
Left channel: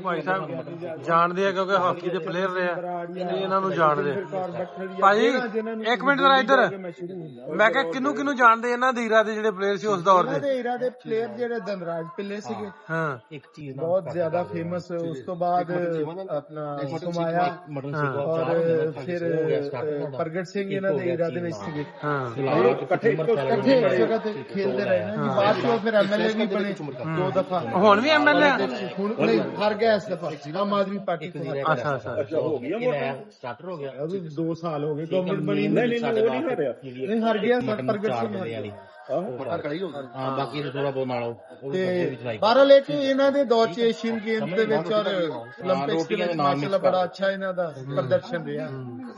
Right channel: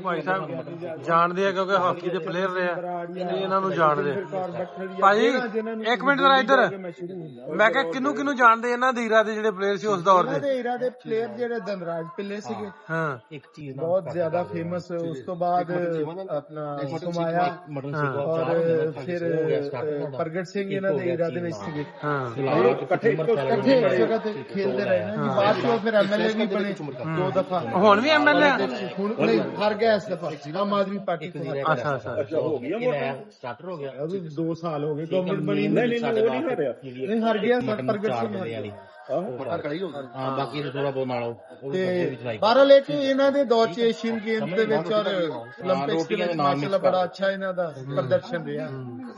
A: ਭਾਈ ਸਾਹਿਬ ਜਾਣਦੇ ਆ ਕਿਉਂਕਿ ਹਾਕੀ ਦੇ ਪਲੇਅਰ ਰਹੇ ਆ। ਇਹ ਇਹਨਾਂ ਨੂੰ ਜਾਣਦੇ ਆ। ਭਾਜੀ ਇੱਕ ਮਿੰਟ ਜਰਾ ਇੱਧਰ। ਮੈਂ ਕਿਹਾ ਕਿਨੂੰ ਕਿਨੂੰ ਜਾਣਦੇ ਇਹਨਾਂ ਦੇ ਹੀਰਾ ਦੇ ਜਿਹੜੇ ਪਲੇਅਰ ਸੀ ਉਸ ਦੌਰ ਦੇ?
D: ਹੀਰਾ ਦੇ ਪਲੇਅਰ ਜਿਹੜੇ ਧਨਰਾਜ ਪਿੱਲੇ ਸੀਗੇ।
A: ਹਾਂ
D: ਬਹੁਤ ਜ਼ਿਆਦਾ ਫੇਮਸ ਉਸ ਤੋਂ ਬਾਅਦ ਆਪਣਾ ਸੁਮਾਇਆ ਔਰ ਫਿਰ ਪ੍ਰਗਟ ਸਿੰਘ ਇਹਨਾਂ ਦੇ ਹੀਰਾ ਦੇ ਵਿੱਚ ਸੀਗੇ।
A: ਹਾਂ।
D: ਇਕੱਠੇ ਇਕੱਠੇ ਇੱਕ ਜਗ੍ਹਾ ਤੇ ਖੇਡਦੇ ਰਹੇ ਨਾ। ਜੀ ਬਾਅਦ ਚੋਂ ਫਿਰ ਐਮਐਲਏ ਵੀ ਬਣੇ ਦੋ ਦਫਾ।
A: ਹੁਣ ਵੀ ਐਮਐਲਏ
D: ਹੁਣ ਨਹੀਂ ਹਾਰ ਗਿਆ ਇਸ ਦਫਾ ਆਮ ਆਦਮੀ ਪਾਰਟੀ ਇੱਕ ਦਿਨ
A: ਅੱਛਾ ਅੱਛਾ।
E: ਹੋ ਗਿਆ
D: ਵੋਟ ਸਟਾਰਟ ਹੋ ਗਿਆ। ਅਭੀ 2 ਸਾਲ ਹੋ ਗਏ ਗਵਰਨਮੈਂਟ ਬਣੀ ਨਹੀਂ ਨਹੀਂ ਨਹੀਂ ਹੋ ਰਿਹਾ ਨਹੀਂ ਹਾਰ ਗਿਆ ਸਰ ਪ੍ਰਗਟ ਸਿੰਘ ਵਾਲੀ
E: ਹਾਂ ਬਾਕੀ ਨੂੰ ਥੋੜਾ ਬਹੁਤ ਨਾਲੋ
D: ਬਾਹਰ ਲੈ ਕੇ ਇਹਨਾਂ ਦੇ ਦੌਰ ਚ ਏਸ਼ੀਅਨ ਗੇਮਸ ਦੇ ਵਿੱਚ ਔਰ 올림픽ਸ ਦੇ ਵਿੱਚ ਮਾਸ਼ਾਅੱਲਾ ਬੜਾ ਅੱਛਾ ਇਹਨਾਂ ਦਾ ਪ੍ਰਦਰਸ਼ਨ ਰਿਹਾ।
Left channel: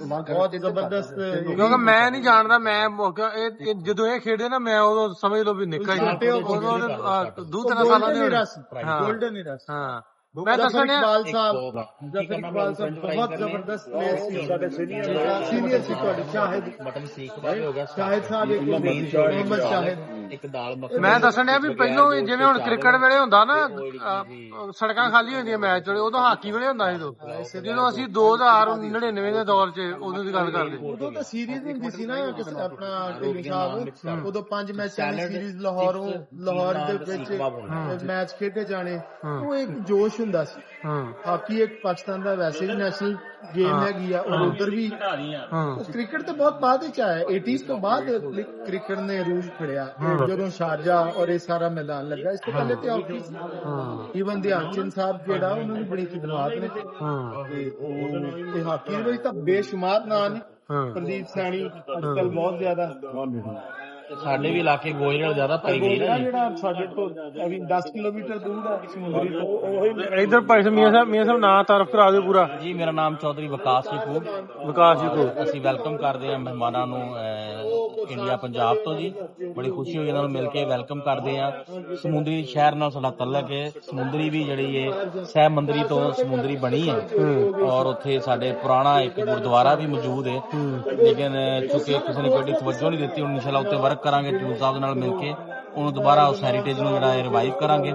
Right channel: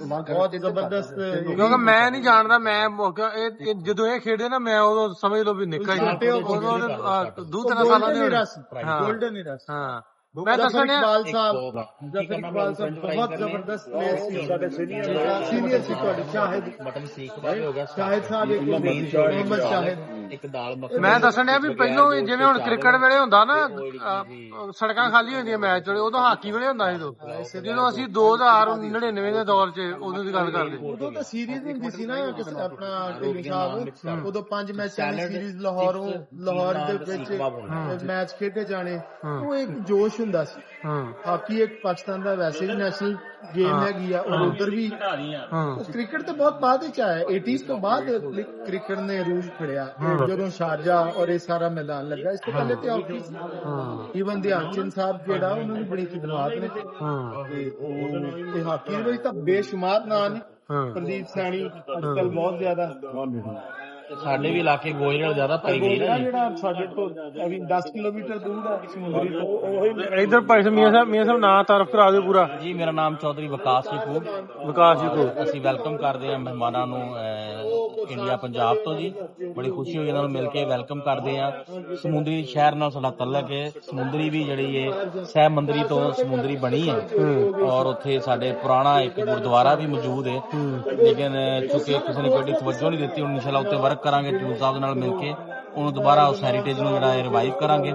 D: ਬਹੁਤ ਜ਼ਬਰਦਸਤ
A: ਕਿਉਂਕਿ ਮੈਂ ਨਹੀਂ ਜਾਣਦਾ ਮੈਂ ਮੌਕਾ ਇਹ ਇਹ ਜਦੋਂ ਇਹ ਖੇਡੇ ਨਾ ਮੈਂ ਉਦੋਂ ਸਮਝ ਲਓ ਵੀ ਨਿੱਕਾ ਹੀ
D: ਛੋਟੇ ਹੋ
A: ਉਦੋਂ ਉਹਦੇ, ਆ, ਦੋ ਤਿੰਨ ਸਾਲਾਂ ਦੇ ਹੋਣੇ। ਹਾਂ
D: ਗੋਲਡਨ ਹੀ ਰਸ
A: ਹਾਂ
D: ਮੈਂ
A: ਮੈਂ
D: ਤਾਂ
A: ਦੱਸਣਿਆ
D: ਇਕਬਾਲ ਸਾਹਿਬ ਜਫਰ ਇਕਬਾਲ ਸਾਹਿਬ ਬਹੁਤ ਜ਼ਬਰਦਸਤ ਪਲੇਅਰ ਸੀ ਸਾਡੇ ਸੀਨੀਅਰ ਸੀਨੀਅਰ ਸੀ ਤੁਹਾਡੇ ਸ਼ਾਹਿਦ
E: ਬਟਨ ਸੀਖ ਦਾ ਵੀ ਹੋ ਗਿਆ
D: ਸ਼ਾਹਿਦ ਸਾਹਿਬ ਇੱਕ ਮੁਹੰਮਦ ਸ਼ਾਹਿਦ
E: ਇੱਕ ਦਾਲ ਮੱਖਣੀ
A: ਮੈਂ ਦੱਸਣਿਆ ਵੀ ਪਹਿਲੋਂ ਜਿਵੇਂ ਹੁਣ ਕ੍ਰਿਕਟ ਵੇਲੇ ਹੁੰਦਾ ਨਾ ਸੜਕਾਂ ਖਾਲੀ ਹੁੰਦੀਆਂ ਮੈਚ ਵੇਲੇ ਉਦੋਂ ਹਾਕੀ ਵੇਲੇ ਹੁੰਦਾ ਸੀ ਜਦੋਂ ਅਸੀਂ 2099 ਦੇ ਦੌਰ 'ਚ ਉਦੋਂ ਦੀ ਗੱਲ ਕਰਦੇ।
D: ਉਦੋਂ ਤਾਂ ਸੀਰੀਜ਼ ਹੁੰਦੀ ਸੀ ਨਾ ਕਿਸ ਆਪਣਾ ਢਿੱਲੋਂ ਸਾਹਿਬ। ਉਦੋਂ ਪੰਜ ਮੈਚਾਂ ਦੀ ਸੀਰੀਜ਼ ਲਾਹੌਰੋਂ ਲਾਹੌਰ ਦੇ ਵਿੱਚ ਮੈਚ ਖੇਡੇ ਜਾਣੇ। ਉਹ ਇੱਕ ਜੋਸ਼ ਹੁੰਦਾ ਸੀ।
A: ਹਾਂ।
D: ਹਾਕੀ ਇੱਕ ਪਾਕਿਸਤਾਨ ਦਾ ਵੈਸੇ ਵੀ ਨੈਸ਼ਨਲ ਗੇਮ ਹੈਗੀ ਆ ਔਰ ਉਧਰ ਵੀ।
A: ਹਾਂ।
D: ਕ੍ਰਿਕਟ ਤਾਂ ਬਹੁਤ ਬਾਅਦ ਵਿੱਚ ਆਇਆ 80s ਤੋਂ ਬਾਅਦ ਕ੍ਰਿ- ਕ੍ਰਿਕਟ ਨੇ ਰੂਲ ਫੜਿਆ ਜਦੋਂ ਸ਼ਾਰਜਾ ਔਰ ਇਹ ਸਾਰਾ ਮੈਦਾਨ ਲੱਗਾ ਇਸ ਤੋਂ ਪਹਿਲੇ ਤੇ ਹਾਕੀ ਸੀ ਈਵਨ ਧਿਆਨ ਚੰਦ ਸਾਹਿਬ ਜਿਹੜਾ ਉਹਨਾਂ ਦੀ ਬੜੀ ਖਿਦਮਤ ਨੇ
A: ਹਾਂ।
D: ਤੇ ਉਹ ਤੇ ਹਾਕੀ ਦੇ ਵਿੱਚ ਤਾਂ ਬੇਸ਼ੁਮਾਰ ਨਾਂ ਨੇ।
A: ਹਾਂ।
D: ਪ੍ਰਦੀਪ ਸੈਣੀ ਅੱਜ ਕੱਲ ਬਹੁਤ ਜ਼ਿਆਦਾ।
E: ਸਾਡੇ ਵੀ ਇਲਾਕੇ ਗੋਇਲ ਜ਼ਿਆਦਾ ਪਾਈ ਗਈ ਨਾ ਜੀ।
D: ਜਿਹੜਾ ਸਾਡੇ ਤੋਂ ਅਭੀ 10 ਕਿਲੋਮੀਟਰ ਦੂਰ ਹੈ ਸਮੁੰਦਰੀ ਤੋਂ
A: ਇਧਰ ਭਾਈ ਸਾਹਿਬ ਮੀਆਂ ਸਾਹਿਬ ਮੀਆਂ ਸਾਹਿਬ ਨਾਂ ਤਾਰਫ ਕਰਾ ਦਿਓ ਪੂਰਾ।
E: ਜੀ ਮੇਰਾ ਨਾਮ ਚੌਧਰੀ ਵਿਕਾਸ ਰਿਪੂ
A: ਵਿਕਾਸ ਜੀ ਕੋ।
E: ਅਸੀਂ ਵੈਲਕਮ ਕਰਦੇ ਹਾਂ ਮਹਿਮਾਨਾਂ ਨੂੰ ਅਹ, ਇੰਡੀਆ ਪੰਜਾਬ ਤੋਂ ਜੀ। ਬੜੀ ਖੁਸ਼ੀ ਹੋਈ ਇਹਨਾਂ ਨੂੰ ਮਿਲ ਕੇ ਵੈਲਕਮ ਕਰਦੇ ਹਾਂ। ਸਮੁੰਦਰੀ ਸ਼ਹਿਰ ਨਾਲ ਸਾਡਾ ਤਲਕ ਹੈ। ਸਮੁੰਦਰੀ ਵੀ ਜਿਹੜੀ ਹੈ ਸਹਿ ਮੰਦਰੀ ਤੋਂ ਸਮੁੰਦਰੀ ਬਣੀ ਹੈ। ਔਰ ਉੱਥੇ ਸਾਡੇ ਪੁਰਾਣਾ ਇੱਕ ਗੁਰਦੁਆਰਾ ਵੀ ਮੌਜੂਦ ਹੈ। ਲੇਕਿਨ ਚੁੱਕੇ ਕਿਸੇ ਨੇ ਕੋਈ ਤਵੱਜੋ ਨਹੀਂ ਦਿੱਤੀ ਹੁਣ ਇਨਸ਼ਾਅੱਲਾ ਉੱਤੇ ਵਰਕ ਕਰਾਂਗੇ ਟਿਊ ਸਾਹਿਬ ਨਾਲ ਮਿਲ ਕੇ। ਉਹਨੂੰ ਦੁਬਾਰਾ ਉਸ ਹੈਰੀਟੇਜ ਨੂੰ ਜਿਹੜਾ ਹੈ ਰਿਵਾਈਵ ਕਰਾਂਗੇ।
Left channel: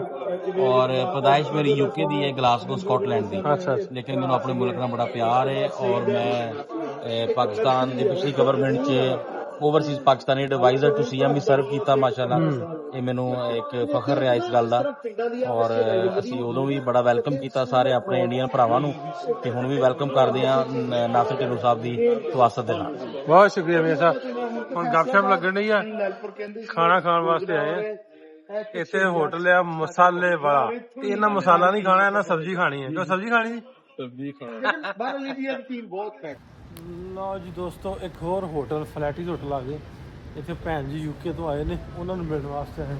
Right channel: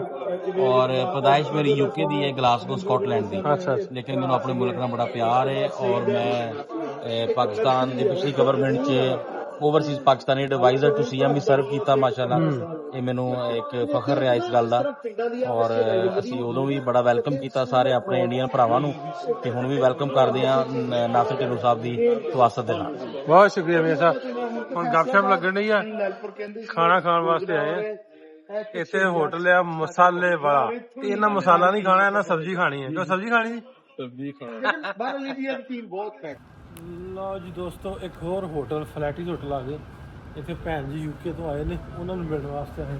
E: ਔਰ ਪਦਾਇਸ਼ ਮੇਰੀ ਯੂਕੇ ਦੀ ਹੈ ਗਲਾਸਗੋ ਸਕਾਟਲੈਂਡ ਦੀ।
A: ਅੱਛਾ
E: ਲੇਕਿਨ ਮੈਨੂੰ ਆਪਣੇ ਮੁਲਕ ਨਾਲ ਬੜਾ ਪਿਆਰ ਹੈ। ਔਰ ਮੈਂ ਪਾਕਿਸਤਾਨ ਦੀ ਪਿਛਲੀ ਗਵਰਨਮੈਂਟ 'ਚ overseas Pakistani adviser to CM we serve ਕੀਤਾ ਮਾਸ਼ਾਅੱਲਾ। ਇਹ ਮੈਨੂੰ ਇੱਕ ਫਖਰ ਰਿਹਾ ਇਸ ਗੱਲ ਦਾ। ਔਰ ਅਸੀਂ ਉਦੋਂ ਵੀ ਬੜਾ ਵੈਲਕਮ ਕੀਤਾ ਸਾਰੇ ਆਪਣੇ ਇੰਡੀਅਨ ਭਰਾਵਾਂ ਨੂੰ ਤੇ ਹੁਣ ਵੀ ਵੈਲਕਮ ਕਰਦੇ ਨ- ਨਾਸਿਰ ਢਿੱਲੋਂ ਸਾਹਿਬ ਦੀ ਤਵਾਸਤ ਦੇ ਨਾਲ।
A: ਬਹੁਤ ਸ਼ੁਕਰੀਆ ਮੀਆਂ ਸਾਹਿਬ। ਹੁਣ ਗੱਪਸ਼ਪ ਲੱਗਣ ਡਈ ਆ। ਖਾਣਾ ਖਾਣ ਵਾਸਤੇ ਆਏ ਆ। ਇੱਥੇ ਹੋਟਲ ਆ ਮਸਾਲੇ ਵਾਲਾ। ਤੇ ਇਹਨਾਂ ਮਸਾਲਾ ਨਹੀਂ ਖਾਣਾ ਇਹਨਾਂ ਸਬਜ਼ੀ ਖਾਣੀ ਹੈ ਕਿਉਂ ਸਬਜ਼ੀ ਖਾਣੀ ਜੀ?
D: ਬਾਹਰ ਲੀਬੀਆ ਦੀ ਟੀਮ ਬਹੁਤ ਹੈ।
A: ਲਓ ਜੀ ਦੋਸਤੋ ਇੱਕ ਹੋਰ ਹੋਟਲ ਫਲੈਟੀਜ਼ ਹੋਟਲ ਆ ਗਏ ਇੱਥੇ ਭੈਣ ਜੀ ਯੂਕੇ ਤੋਂ ਆਏ ਨੇ ਉਹਨਾਂ ਨੂੰ ਮਿਲਣ ਵਾਸਤੇ ਆਏ।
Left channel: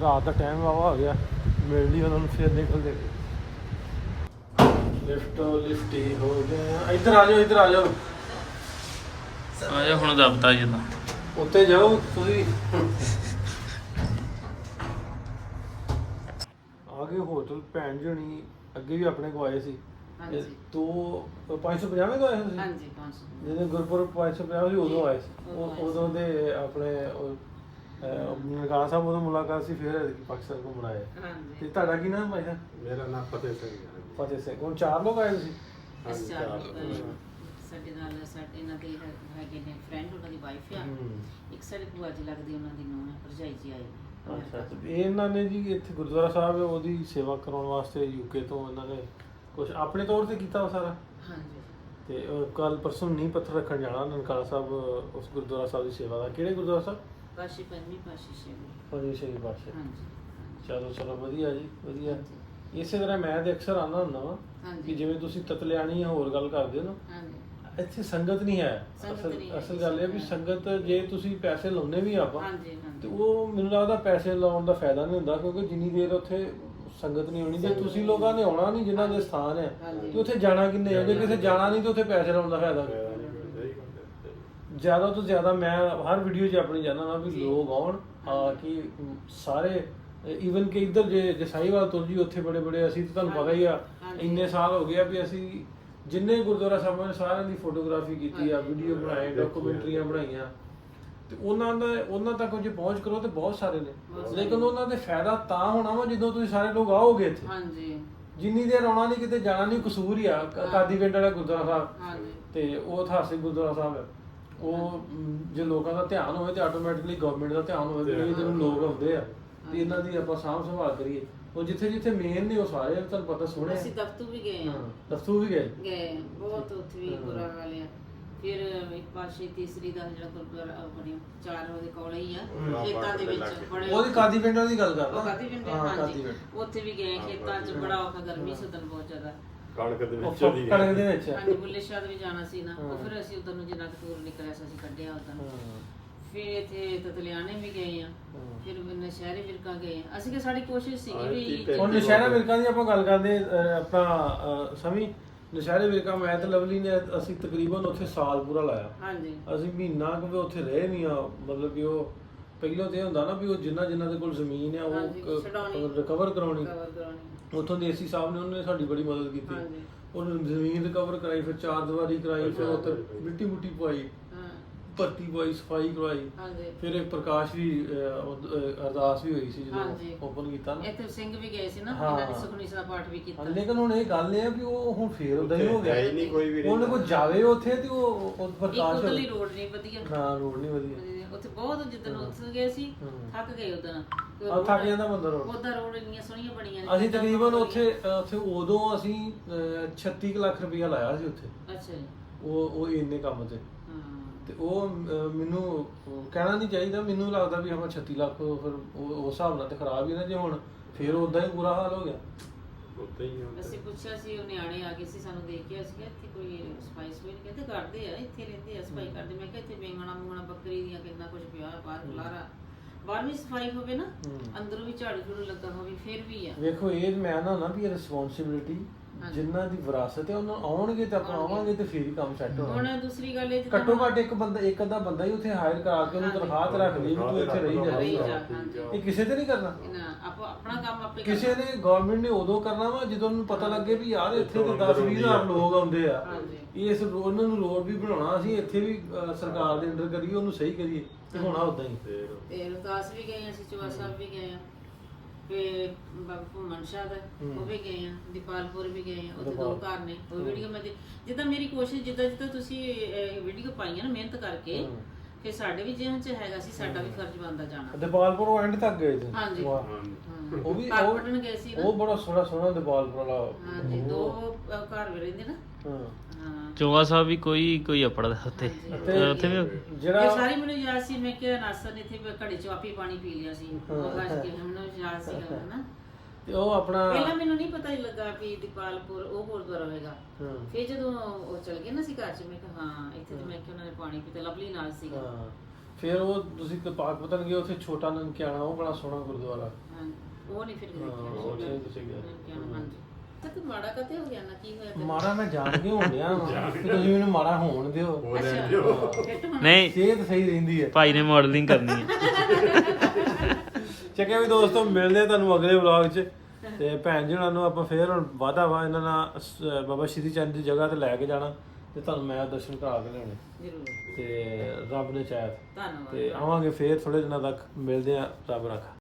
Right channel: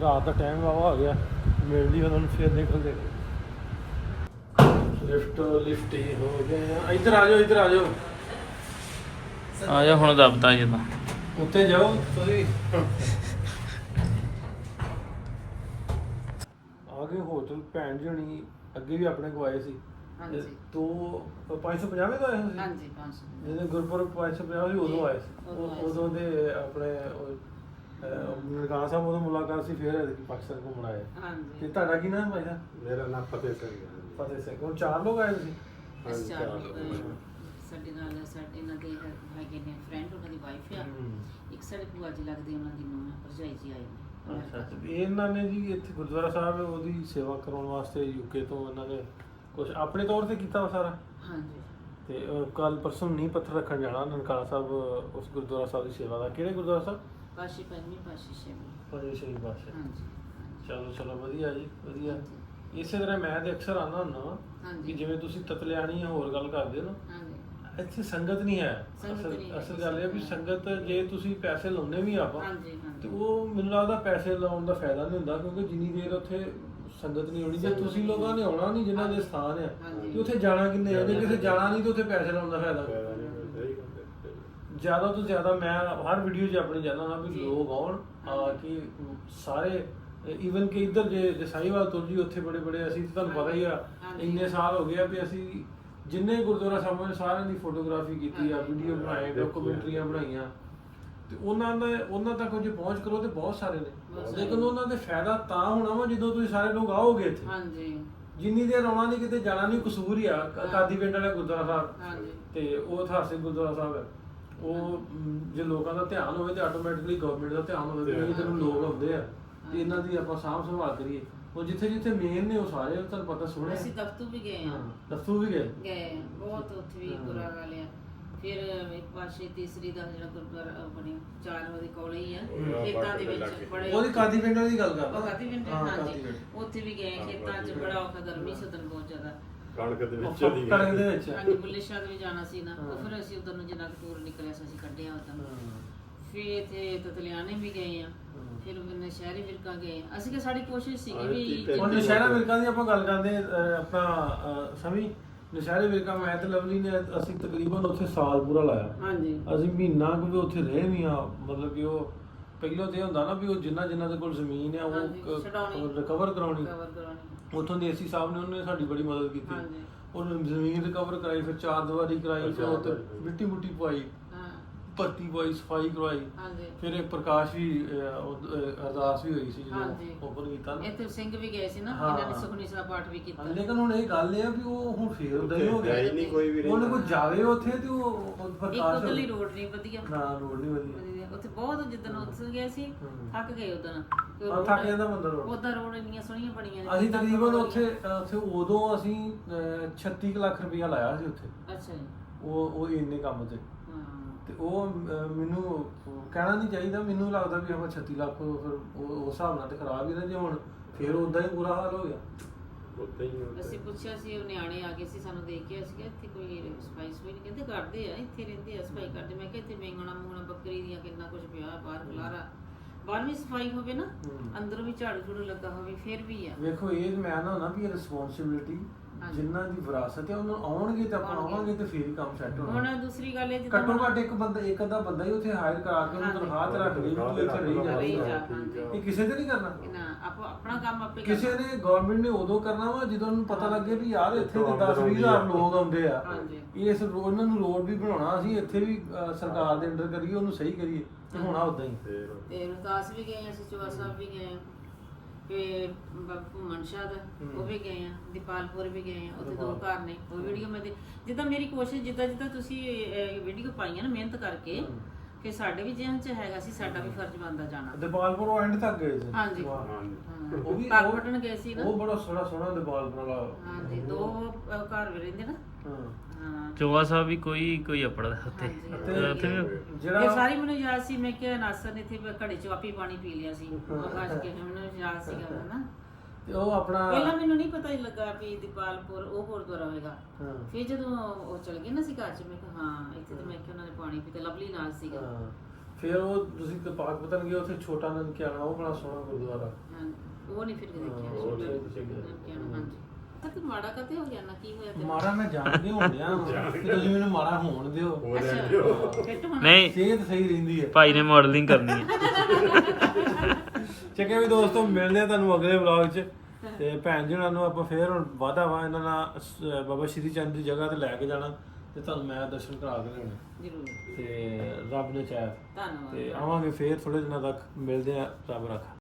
A: ਰਾਤ ਦਾ ਟਾਈਮ ਵਾਵਾ ਹੋ ਗਿਆ ਮਿਲ ਲਈ ਉਹਨਾਂ ਨੂੰ ਫਿਰ ਨਿਕਲਦੇ ਲਿਫਟ ਲਿਫਟ ਹੀ ਹੋ ਗਏ ਆ। ਇੱਧਰ ਆ ਜਾਓ ਇੱਧਰ ਆ ਜਾਓ।
C: ਆ ਜਾ ਹੁਣ ਦਬਦਾ ਜਦਾ
A: ਉੱਤੇ ਜਾਓ ਤੁਸੀਂ। ਆ ਗਏ ਹੋਟਲ ਭੈਣ ਜਣੀ ਅੱਗੇ ਵੀ ਆਪਣੇ ਕੋ ਆਏ ਸੀ।
H: ਹਾਂਜੀ।
A: ਤੋ 550 ਤੋਂ ਆਏ ਹੋ ਸੀ?
H: ਹਾਂਜੀ 500
A: ਜਦੋਂ ਗੁਰਪੁਰਬ 550 ਸੀ ਉਦੋਂ ਆਏ ਸੀ।
H: ਉਦੋਂ
A: ਉਹ-
H: ਆਏ ਸੀ।
A: ਉਦੋਂ ਦੇ ਆਪਣੇ ਗਾਣਾ ਸਾਹਿਬ ਉਦੋਂ ਮੁਲਾਕਾਤ ਸੀ ਫਿਰ ਐਤਕੀ ਪਾਕਿਸਤਾਨ ਘੁੰਮਣ ਆਏ।
H: ਹਾਂਜੀ।
A: ਤੇ ਤੁਹਾਡਾ ਕੀ ਨਾਮ ਹੈ ਭਾਈ ਸਾਹਿਬ?
I: ਮੇਰਾ ਨਾਮ ਫਤਿਹ ਸਿੰਘ ਹੈ।
A: ਫਤਿਹ ਸਿੰਘ। ਹੁਣ ਚਾਰ ਲੋਕ ਆਏ ਸੀ
H: ਚਾਰ ਲੋਕ। ਸਾਡੇ ਨਾਲ ਸਾਡੇ ਇਹਨਾਂ ਦੇ ਹੈ- ਹੈਗੇ ਨੇ ਫਰੈਂਡ ਉਹਨਾਂ ਦੀ ਵਾਈਫ ਆ। ਇੱਕ ਸਾਡੇ ਭੂਆ ਜੀ ਲੱਗਦੀ ਉਹਨਾਂ ਦੀ ਨੂੰਹ ਹੈ ਭਰਜਾਈ ਜੀ ਆਏ ਨੇ।
A: ਅੱਛਾ ਤੇ ਇਹਨਾਂ ਨੇ ਜੀ ਇੱਥੇ ਗੁਰਦੁਆਰਾ ਸਾਹਿਬ ਹੈ ਉਹਦੀ ਸੇਵਾ ਕਰਾਉਣ ਵਾਸਤੇ ਯੂਕੇ ਤੋਂ ਇਹਨਾਂ ਨੇ ਕੁਝ ਆਪਣੇ ਤੌਰ ਤੇ ਕੀਤਾ ਵਾ ਸਾਰਾ?
H: ਹਾਂਜੀ।
A: ਤੇ ਕੱਲ ਪਰਸੋਂ ਨੀ ਪੱਥਰ ਰੱਖਣ ਜਾਣਾ ਨਨਕਾਣਾ ਸਾਹਿਬ ਉਸ ਗੁਰਦੁਆਰਾ ਸਾਹਿਬ ਦੀ ਸੇਵਾ ਦਾ। ਕਿਹੜੇ ਗੁਰਦੁਆਰਾ ਸਾਹਿਬ?
H: ਪਾਸ਼ੀ ਪੰਜਵੀਂ ਪਾਸ਼ੀ ਛੇਵੀਂ।
A: ਪਰੇ ਸ਼੍ਰੀ ਬਾਦਸ਼ਾਹ
H: ਹਾਂਜੀ
A: ਚਲੋ ਚਲੋ ਵਧੀਆ ਜੀ ਵਧੀਆ। ਇਸੇ ਤਰ੍ਹਾਂ ਮੈਂ ਤੇ ਅਕਸਰ ਆਉਂਦਾ ਹੁੰਦਾ ਵਾਂ ਕਿ
H: ਹਾਂਜੀ
A: ਜਿਵੇਂ ਤੁਸੀਂ ਤਤਲਿਆਣੀ ਜਾਂ ਹੋਰ ਗੱਲ ਕਰਦੇ ਹੋ ਨਾ
H: ਹਾਂਜੀ।
A: ਇੱਥੇ ਸੰਗਤ ਨਹੀਂ ਹੈ।
H: ਸੰਗਤ
A: ਅਸਲ
H: ਨਹੀਂ ਹੈ,
A: ਅਸਲ ਗੱਲ ਇਹ ਵੀ ਸੰਗਤ ਜੇ ਤੁਸੀਂ ਪੈਸੇ ਲਾਉਂਦੇ ਵੀ ਆਪਾਂ
H: ਹਾਂਜੀ।
A: ਤੇ ਉਹ ਮੈਨੂੰ ਲੱਗਦਾ ਪੈਸੇ ਲਾਉਣ ਦਾ ਫਾਇਦਾ ਨਹੀਂ ਹੁੰਦਾ ਕਿਉਂਕਿ ਜਿੰਨੀ ਦੇਰ ਉੱਥੇ ਸੰਗਤ ਨਹੀਂ ਹੋਣੀ ਜੇ ਤੁਸੀਂ ਲੋਕਾਂ ਨੇ ਆਉਣਾ ਨਹੀਂ ਜਿਨ੍ਹਾਂ ਦੇ ਸਥਾਨ ਆ
H: ਹਾਂਜੀ।
A: ਤੇ ਉੱਥੇ ਜਾਣਾ ਕਿੰਨੇ ਆ? ਜੇ ਕਿਸੇ ਜਾਣਾ ਨਹੀਂ ਤੇ ਉੱਥੇ ਪੈਸੇ ਲਾਉਣ ਦਾ ਫਾਇਦਾ। ਜ਼ਿਆਦਾ ਤੋਂ ਜ਼ਿਆਦਾ ਮੈਂ ਹਰ ਵੀਡੀਓ 'ਚ ਆਪਣੀ ਜਾਣਾ ਨਾ ਵੀ
H: ਜੀ।
A: ਲੋਕ ਆਉਣ ਆ ਕਿ ਸਾਰੇ ਈਵਨ ਕਿ ਇੱਧਰ ਜੇ ਜਸਾਈਵਾਲ ਤੁਰ ਜੀ ਉੱਥੇ ਬੜੇ ਬੜੇ ਅਸੀਂ ਤਾਂ ਤੁਹਾਨੂੰ ਪਤਾ ਹੀ ਆ
H: ਹਾਂਜੀ।
A: ਇੰਨੇ ਸਾਲ ਹੋ ਗਏ ਆ ਵੀ ਅਸੀਂ ਜਿੰਨੇ ਗੁਰਦੁਆਰਾ ਸਾਹਿਬਾਂ ਨੇ ਸਾਰਿਆਂ ਦੀ ਫੋਟੋਗ੍ਰਾਫੀ ਕੀਤੀ ਆ ਵੀਡੀਓ ਬਣਾਏ ਡਾਕੂਮੈਂਟਰੀਆਂ ਬਣਾਈਆਂ। ਤੇ ਉਹਨਾਂ ਦਾ ਉਹਨਾਂ ਤੱਕ ਜੇ ਪਹੁੰਚ ਕਰੋ ਤੇ ਬਹੁਤ ਸਾਰੇ ਨੇ।
H: ਬਹੁਤ ਸਾਰੇ।
A: ਲੇਕਿਨ ਉਹਨਾਂ ਦੇ ਫਾਇਦਾ ਤਾਂ ਹੋਣਾ ਵਾ ਜਦੋਂ ਤੁਸੀਂ ਸਾਰੇ ਲੋਕ ਆਓਗੇ ਇੱਥੇ।
H: ਹਾਂਜੀ।
A: ਜਿੰਨੀ ਦੇਰ ਆਉਣਾ ਨਹੀਂ ਕਿਤੇ ਜਾਣਾ ਨਹੀਂ ਕਸੂਰ ਹੀ ਆ। ਕ- ਕਾਦੀ ਪਿੰਡ ਵਾਲਾ ਗੁਰਦੁਆਰਾ ਸਾਹਿਬ।
H: ਹਾਂਜੀ।
A: ਤੇ ਉਹ ਇਤਿਹਾਸਿਕ ਗੁਰਦੁਆਰਾ ਸਾਹਿਬ ਹੈ। ਉਹ ਮ, ਜੇ ਲੋਕਾਂ ਦਾ ਧਿਆਨ ਹੋਵੇ ਤੇ ਆਟੋਮੈਟਿਕਲੀ ਗਵਰਨਮੈਂਟ ਦਾ ਧਿਆਨ ਹੋਵੇ ਕਿ ਜਦੋਂ ਲੋਕ ਆਉਂਦੇ ਆ। ਤੇ ਇਹਨਾਂ ਦੀ ਆਪਾਂ ਸਾਂਭ ਸੰਭਾਲ ਕਰੀਏ। ਉਹ ਜਿੱਥੇ ਜਿੱਥੇ ਮੇਨ ਨੇ ਉਹ ਸਾਰੇ ਤੁਹਾਨੂੰ ਪਤਾ ਸੋਹਣੇ
H: ਅਸੀਂ ਦਫਤੂ ਵੀ ਗਏ
A: ਹਾਂ।
H: ਹਾਂ
A: ਵੀ ਗਏ।
H: ਗਏ ਬਹੁਤ ਉੱਥੇ ਵੀ ਬੁਰਾ ਹਾਲ ਆ ਫਿਰ ਇੱਕ ਪਾਸੇ ਤੀਸਰੀ ਦਾ ਜਿਹੜਾ ਗੁਰਦੁਆਰਾ ਬਣਿਆ ਚਾਰ ਉਹਦੇ ਕੋਲ ਹੀ ਆ। ਖੇਤਾਂ ਦੇ ਵਿੱਚ ਬੜੇ
A: ਉਹਦੀ ਕਾਦੀ ਪਿੰਡ ਵਾਲੀ ਗੱਲ ਕਰਦਾ।
H: ਉਹ ਕਾਦੀ ਪਿੰਡ ਹਾਂਜੀ। ਉੱਥੇ ਵੀ ਗਏ ਖੇਤਾਂ 'ਚ ਬੜਾ ਔਖਾ ਗਰਮੀ ਸੀ ਉਦੋਂ ਬਹੁਤ ਜ਼ਿਆਦਾ।
F: ਕਣਕ ਦੇ ਵਿੱਚ ਦੀ
A: ਕਣਕ ਦੇ ਵਿੱਚ।
H: ਹਾਂਜੀ ਬੁੱਲੇ ਸ਼ਾਹ ਵੀ ਜਾਣਾ ਸੀ ਨਾ। ਉਹ। ਫਿਰ ਅਸੀਂ ਉਧਰ ਨੂੰ ਜਿੰਨਾ ਕੁ ਦੂਰ ਨਿਕਲਿਆ ਸੀ ਅਸੀਂ ਕੱਢਿਆ
A: ਹਾਂ,
H: ਫਿਰ ਇੱਥੇ ਤਤਲਿਆਣੇ ਵੀ ਗਏ ਆ।
A: ਹਾਂ।
H: ਫਿਰ ਨਸ਼ਹਿਰੇ ਵਿਰਕਾ ਗਏ ਅਸੀਂ ਕਿ ਸਾਡੀ ਕੋਸ਼ਿਸ਼ ਵੀ
A: ਨਸ਼ਹਿਰਾ ਵਿਰਕਾਂ ਦੀ ਆਪਾਂ ਗੱਲ ਕਰਦੇ ਆਪਾਂ ਸਮੀ ਨਸ਼ਹਿਰੇ ਵਿਰਕਾਂ ਮੈਂ ਤੇ ਲਵਲੀ ਨੇ ਅਸੀਂ ਤਕਰੀਬਨ ਉੱਥੇ ਸਾਲ ਪੂਰਾ ਲਾਇਆ।
H: ਹਾਂਜੀ।
A: ਅਸੀਂ ਮਹੀਨਾ ਕੁ ਵੀ ਉੱਥੇ ਰਹੇ ਵੀ ਆ ਮਤਲਬ ਕਿ ਉਹ ਪਹਿਲੋਂ ਤੇ ਹੁੰਦਾ ਨਾ ਵੀ ਉਹ ਜਿੰਨਾ ਜਿੰਨਾ ਦੇ ਕੋਲ ਜ਼ਮੀਨ ਆ
H: ਹਾਂਜੀ, ਛਡਾਉਣੀ।
A: ਉਹ ਰਿਕਵਰ ਕਰਾਉਣੀ।
H: ਕਵਰ ਕਰਾਉਣੀ।
A: ਉੱਥੋਂ ਦੇ ਏਸੀ ਸਾਹਿਬ ਨੇ ਉਹਨੇ ਸਾਡੀ ਬੜੀ ਮਦਦ ਕੀਤੀ।
H: ਹਾਂਜੀ।
A: ਉਹਨੇ ਜ਼ਮੀਨ ਰਿਕਵਰ ਕਰਾਈ ਫਿਰ ਚਾਰ ਦੀਵਾਰੀ ਕਰਾਈ ਫਿਰ ਉੱਥੇ ਮਿੱਟੀ ਮੁੱਟੀ ਪਵਾਈ। ਭਰਤੀ ਪਵਾਈ ਸਫ਼ਾਈ ਕਰਵਾਈ
H: ਹਾਂਜੀ
A: ਫਿਰ ਇੱਕ ਪ੍ਰਕਾਸ਼ ਵੀ ਅਹ, ਉਹ, ਅਹ, ਅਰਦਾਸ ਵੀ ਹੋਈ ਸੀ
H: ਹਾਂਜੀ।
A: ਜਦੋਂ ਓਪਨ ਕੀਤਾ ਨਾ
H: ਇੱਥੇ ਸਿੰਘ ਵੀ ਗਏ ਸੀ ਨਾ
A: ਹਾਂ।
H: ਇਹਨਾਂ ਨੇ ਸੁਖਨੀ ਦਾ ਪਾਠ ਵੀ ਕੀਤਾ
A: ਲੇਕਿਨ ਹੁਣ ਇਹ ਗੱਲ ਇਹ ਆ ਵੀ ਉਹ ਹੁਣ ਫੇਰ ਉਦਾਂ ਹੀ ਹੋ
F: ਹੈ ਹੀ ਨਹੀਂ ਕੋਈ ਵੀ
A: ਉਹਨੇ
F: ਰਹਿੰਦਾ।
A: ਕੋਈ ਜਾਵੇ ਉੱਥੇ ਤੇ ਉਹ ਉਹ
H: ਇੱਕ
A: ਪ੍ਰਕਾਸ਼
H: ਉਧਰਲੀ। ਰੋਡ ਨਹੀਂ ਵਧੀਆ
A: ਹਾਂ ਰੋਡ ਨਹੀਂ ਵਧੀਆ।
H: ਉੱਥੇ ਬਹੁਤ ਜਿੱਦਣ ਉੱਥੇ ਗਏ ਸੀ
A: ਹੂੰ।
H: ਥੱਕ ਗਏ ਉਦੋਂ
A: ਆ ਥੱਕ ਜਾਂਦਾ ਬੰਦਾ ਰੋਡ
H: ਉਹਦਾ ਰੋਡ ਇੰਨੀਆਂ ਸੋਹਣੀਆਂ ਬਣੀਆਂ ਨੇ,
A: ਅਸੀਂ
H: ਜਿੱਦਾਂ
A: ਤਕਰੀਬਨ
H: ਬਹੁਤ
A: ਉੱਥੇ ਉੱਥੇ ਉਦੋਂ ਅਸੀਂ ਅਹ, 36 ਕੁ ਲੱਖ ਰੁਪਇਆ ਲਾਇਆ ਸੀ ਉੱਥੇ।
H: ਅੱਛਾ ਜੀ
A: ਉਹ ਉਹ ਇੰਨੇ ਕੰਮ ਤੇ
H: ਹਾਂ
A: ਤੇ ਉਹ ਮੈਨੂੰ ਕਹਿਣਾ ਨਹੀਂ ਚਾਹੀਦਾ ਮੈਨੂੰ ਲੱਗਦਾ ਵੀ ਆਪਾਂ 36 ਲੱਖ ਫਿਰ ਉਹ ਉਸ ਹਿਸਾਬ ਨਾਲ ਤੇ ਖਰਾਬ ਹੀ ਨਾ ਜੇ ਹੁਣ ਫਿਰ ਉਦਾਂ ਹੀ ਬੁਰਾ ਹਾਲ ਹੋ ਗਿਆ।
F: ਉੱਥੇ ਹੀ ਉੱਥੇ
H: ਅਸੀਂ ਪੁੱਛਿਆ ਸੀ ਉਹ ਨਿਆਣੇ ਆ ਗਏ ਸੀ ਸਾਨੂੰ ਦੇਖ ਕੇ ਅਸੀਂ ਕਿਹਾ ਇੱਥੇ ਕੋਈ ਸਫ਼ਾਈ ਸਫ਼ਾਈ ਨਹੀਂ ਕਹਿੰਦੇ ਕਰਦੇ ਆ ਇੱਥੇ ਰਹਿੰਦੇ ਆ ਸਫ਼ਾਈ ਕਰਦੇ। ਮੈਂ ਕਿਹਾ ਇੱਥੇ ਮੇਂਗਣਾ ਮੂੰਗਣਾ ਬੱਕਰੀ ਦੀਆਂ ਕਿੰਨਾ ਕੁਝ ਪਿਆ ਬਾਹਰ ਖਲਾਰਾ। ਬਾਹਰ ਵੀ ਸਫ਼ਾਈ ਹੋਵੇ ਨਾ। ਅੰਦਰੋਂ ਵੀ ਝਾੜੂ ਝੂੜੂ ਲੱਗਾ ਹੋਵੇ ਫਿਰ ਵੀ ਆ।
A: ਵੇਖੋ ਇਹ ਮੈਂ ਨਾ ਨਾ ਵੀ ਇਹ ਰਿਸਪੌਂਸਿਬਿਲਿਟੀ
H: ਹਾਂਜੀ।
A: ਜਿਨ੍ਹਾਂ ਦੀ ਵਿਰਾਸਤ ਹੈ ਉਹਨਾਂ ਆਉਣਗੇ ਤਾਂ ਆਪਾਂ
H: ਆਉਣਗੇ।
A: ਆਵਾਂਗੇ ਤੇ ਫਿਰ ਹੀ ਕੰਮ ਸੈੱਟ ਹੋਣਾ
H: ਹੁਣ ਦੂਸਰੀ ਗੱਲ ਇਹ ਜਿੱਦਾਂ
A: ਘੱਟੋ ਘੱਟ ਇੱਕ ਬੰਦਾ ਇੱਕ ਅੱਧਾ ਬੰਦਾ ਹੀ ਉੱਥੇ ਹਾਇਰ ਕਰਾ ਕੇ ਉਹਨੂੰ
H: ਹਾਂਜੀ।
A: ਤਨਖਾਹ ਤੇ ਰੱਖ ਲਈ ਵੀ ਤੂੰ ਇੱਥੇ ਰਹੀ
H: ਰਹੀ
A: ਜਾ। ਇਹ ਕਿਸੇ ਤੇ ਨਹੀਂ ਕਰਨਾ
H: ਨਾ ਆਪੋ ਆਪਣਾ ਕੰਮ ਆਪੇ
A: ਕਿਸੇ। ਨੇ ਗਵਰਨਮੈਂਟ ਨੇ ਉਦੋਂ ਕਰਨਾ ਵਾ ਜਦੋਂ ਉਹਨੂੰ ਪਤਾ ਲੱਗੇ ਵੀ ਯਾਰ ਇੱਥੇ ਤੇ 10 20 ਹਜ਼ਾਰ ਲੋਕ ਆਉਂਦੇ ਆ
H: ਹਾਂਜੀ।
A: ਇਸ ਰੋ- ਉਹਨਾਂ ਨੂੰ ਰੋਡ ਵੀ ਬਣਾਉਣਾ ਅਸੀਂ ਇੱਥੇ ਵੀ ਅਹ, ਸਰਕਾਰ ਦੇ ਅੰਡਰ ਕਰੀਏ ਉਹਨੂੰ ਸਹੀ ਕਰੀਏ ਤੇ ਹੋਣਾ ਉਦਾਂ ਹੀ
F: ਫੇਰ
H: ਤੇ ਰੋਹਤਾਸ ਵੀ ਗਏ ਆ ਅਸੀਂ ਸਾਹਿਬ ਵੀ ਗਏ ਆ ਤੇ ਬਾਬਾ ਭੂਮਨ ਸ਼ਾਹ ਦਾ ਉਹ ਵੀ ਗਏ ਆ ਦੀਪਾਲਪੁਰ ਵੀ ਗਏ ਆ ਉੱਥੇ ਦੋ ਘਰ ਨੇ ਉਹ ਵੀਡੀਓ ਮੈਂ ਦੇ ਜਿੱਦਾਂ ਮੇਰੀ ਕੋਸ਼ਿਸ਼ ਜਿੱਦਾਂ ਜਿੱਦਾਂ ਤੁਸੀਂ ਵੀਡੀਓ ਪਾਈਆਂ ਨਾ ਮਿਹਨਤ ਕਰਕੇ ਫਿਰ ਸਾਡੇ ਵੀ ਜਿਹਨਾਂ ਚ ਹੈਗਾ ਸੀ ਸਾਡਾ ਵੀ ਫਰਜ਼ ਬਣਦਾ ਜਾਣਾ।
A: ਦਿਪਾਲਪੁਰ ਐਂਡ ਤੱਕ ਗਏ ਸੀ?
H: ਹਾਂਜੀ।
A: ਵਾਹ।
H: ਹਾਂ।
A: ਉਹ ਵੀ ਉਹ-
H: ਬਟਨ ਗਏ ਸੀ ਨਾ।
A: ਉਹ ਬੜਾ ਸੋਹਣਾ ਸੋਹਣਾ ਦਿਪਾਲਪੁਰ ਵਾਲਾ।
H: ਹਾਂਜੀ ਦੋ ਅਹ, ਘਰ ਵੀ ਰਹਿੰਦੇ ਨਾ।
A: ਹਾਂ।
H: ਹਾਂ।
C: ਚੋਆ ਸਾਹਿਬ ਵੀ ਕੋਈ ਕੋਈ ਆਪੜਾ ਉੱਥੇ।
H: ਹਾਂਜੀ।
C: ਤੇ ਉੱਥੇ ਵੀ
H: ਇਹ
A: ਜਿਹੜਾ
H: ਸਾਰੀ ਮੈਨੂੰ ਯਾਦ ਸੀ ਮੈਂ ਕਿ ਨਾਸਰ ਨੇ ਇੱਥੇ ਘੜੇ ਚ ਆਪੀ ਪਾਣੀ ਪੀ ਲਿਆ ਸੀ। ਉਹ ਖਾਸ ਕੇ ਯਾਦ ਸੀਗਾ ਨਾ
A: ਤੇ ਉਹ ਆਪਣਾ
H: ਪਹਿਲਾਂ ਮੈਨੂੰ ਨਹੀਂ ਪਤਾ ਹੀ ਲੱਗਾ ਵੀ ਦੀਪਾਲਪੁਰ ਉਹ ਗੁਰਦੁਆਰਾ ਹੋਏਗਾ।
A: ਹਾਂ।
H: ਫਿਰ ਜਦੋਂ ਉਹ ਚਲ ਗਏ ਨਾ ਸੀ ਘਰ ਚ ਮੈਂ ਕਿਹਾ ਹਾਂ ਇੱਥੇ ਤੇ ਮੈਂ ਕਿ ਉਹਨਾਂ ਨੇ ਪਾਣੀ ਪੀਤਾ ਲਵਲੀ ਨਾਲ ਸੀਗਾ।
A: ਹਾਂ। ਫਿਰ ਉਹ ਤੁਸੀਂ ਤੇ ਪਾਕ ਪਤਨ ਗਏ ਉੱਥੇ ਛੋਟਾ ਨਨਕਿਆਣਾ ਉਹ ਬੜਾ ਸੋਹਣਾ ਗੁਰਦੁਆਰਾ।
H: ਹਾਂ, ਉਹ ਨਹੀਂ ਫਿਰ ਦੇਖਿਆ।
A: ਹਾਂ, ਉਹ ਨਹੀਂ ਤੁਸੀਂ ਗਏ।
H: ਹਾਂਜੀ ਤੱਕ ਮਾੜਾ ਕਦੇ ਹੋ ਗਿਆ ਨਾ ਕੀ ਹੋਇਆ ਤੈਨੂੰ?
A: ਮਾੜਾ ਮੈਂ ਜਾਣਦੇ ਹੁੰਦਿਆ ਤੁਸੀਂ ਮੈਨੂੰ ਮਾੜਾ ਹੋਣ ਦਿਓ।
H: ਅੱਛਾ। ਫਿੱਟ ਹੋਣਾ
C: ਨਹੀਂ।
A: ਸਿਹਤ ਸਹੀ ਰਹਿੰਦੀ ਹੈ।
C: ਭਾਈ ਨੇ ਮਾਡਲਿੰਗ ਕਰਨੀ ਹੈ।
A: ਚੱਕਿਆ ਵੀ ਦੋਸਤੋ ਮਿਲਦੇ ਆ ਤੁਹਾਨੂੰ ਅਗਲੇ ਵਲੌਗ 'ਚ। ਤੇ ਭੈਣ ਜੀ ਉਹਨਾਂ ਨੂੰ ਆਪਾਂ ਫੇਰ ਹੁਣ ਵਾਦਾ ਵਾ ਇਹਨਾਂ ਨਾਲ ਬਾਬਾ ਸ਼੍ਰੀ ਚੰਦ ਦੀ ਜਗ੍ਹਾ ਤੇ ਲੈ ਕੇ ਜਾਣਾ ਤੇ ਤੁਹਾਨੂੰ ਮੈਂ ਦਰਸ਼ਨ ਕਰਾ ਕੇ ਲਿਆਉਣੇ।
H: ਜ਼ਰੂਰ।
A: ਤੇ ਰੱਬ ਨੇ ਚਾਹਿਆ।
H: ਧੰਨਵਾਦ।
A: ਤੇ ਆਵਾਂਗੇ ਫੇਰ ਥੋੜੇ ਦਿਨਾਂ ਤੱਕ। ਮਿਲਦੇ ਆ ਰੱਬ ਰੱਖਾ।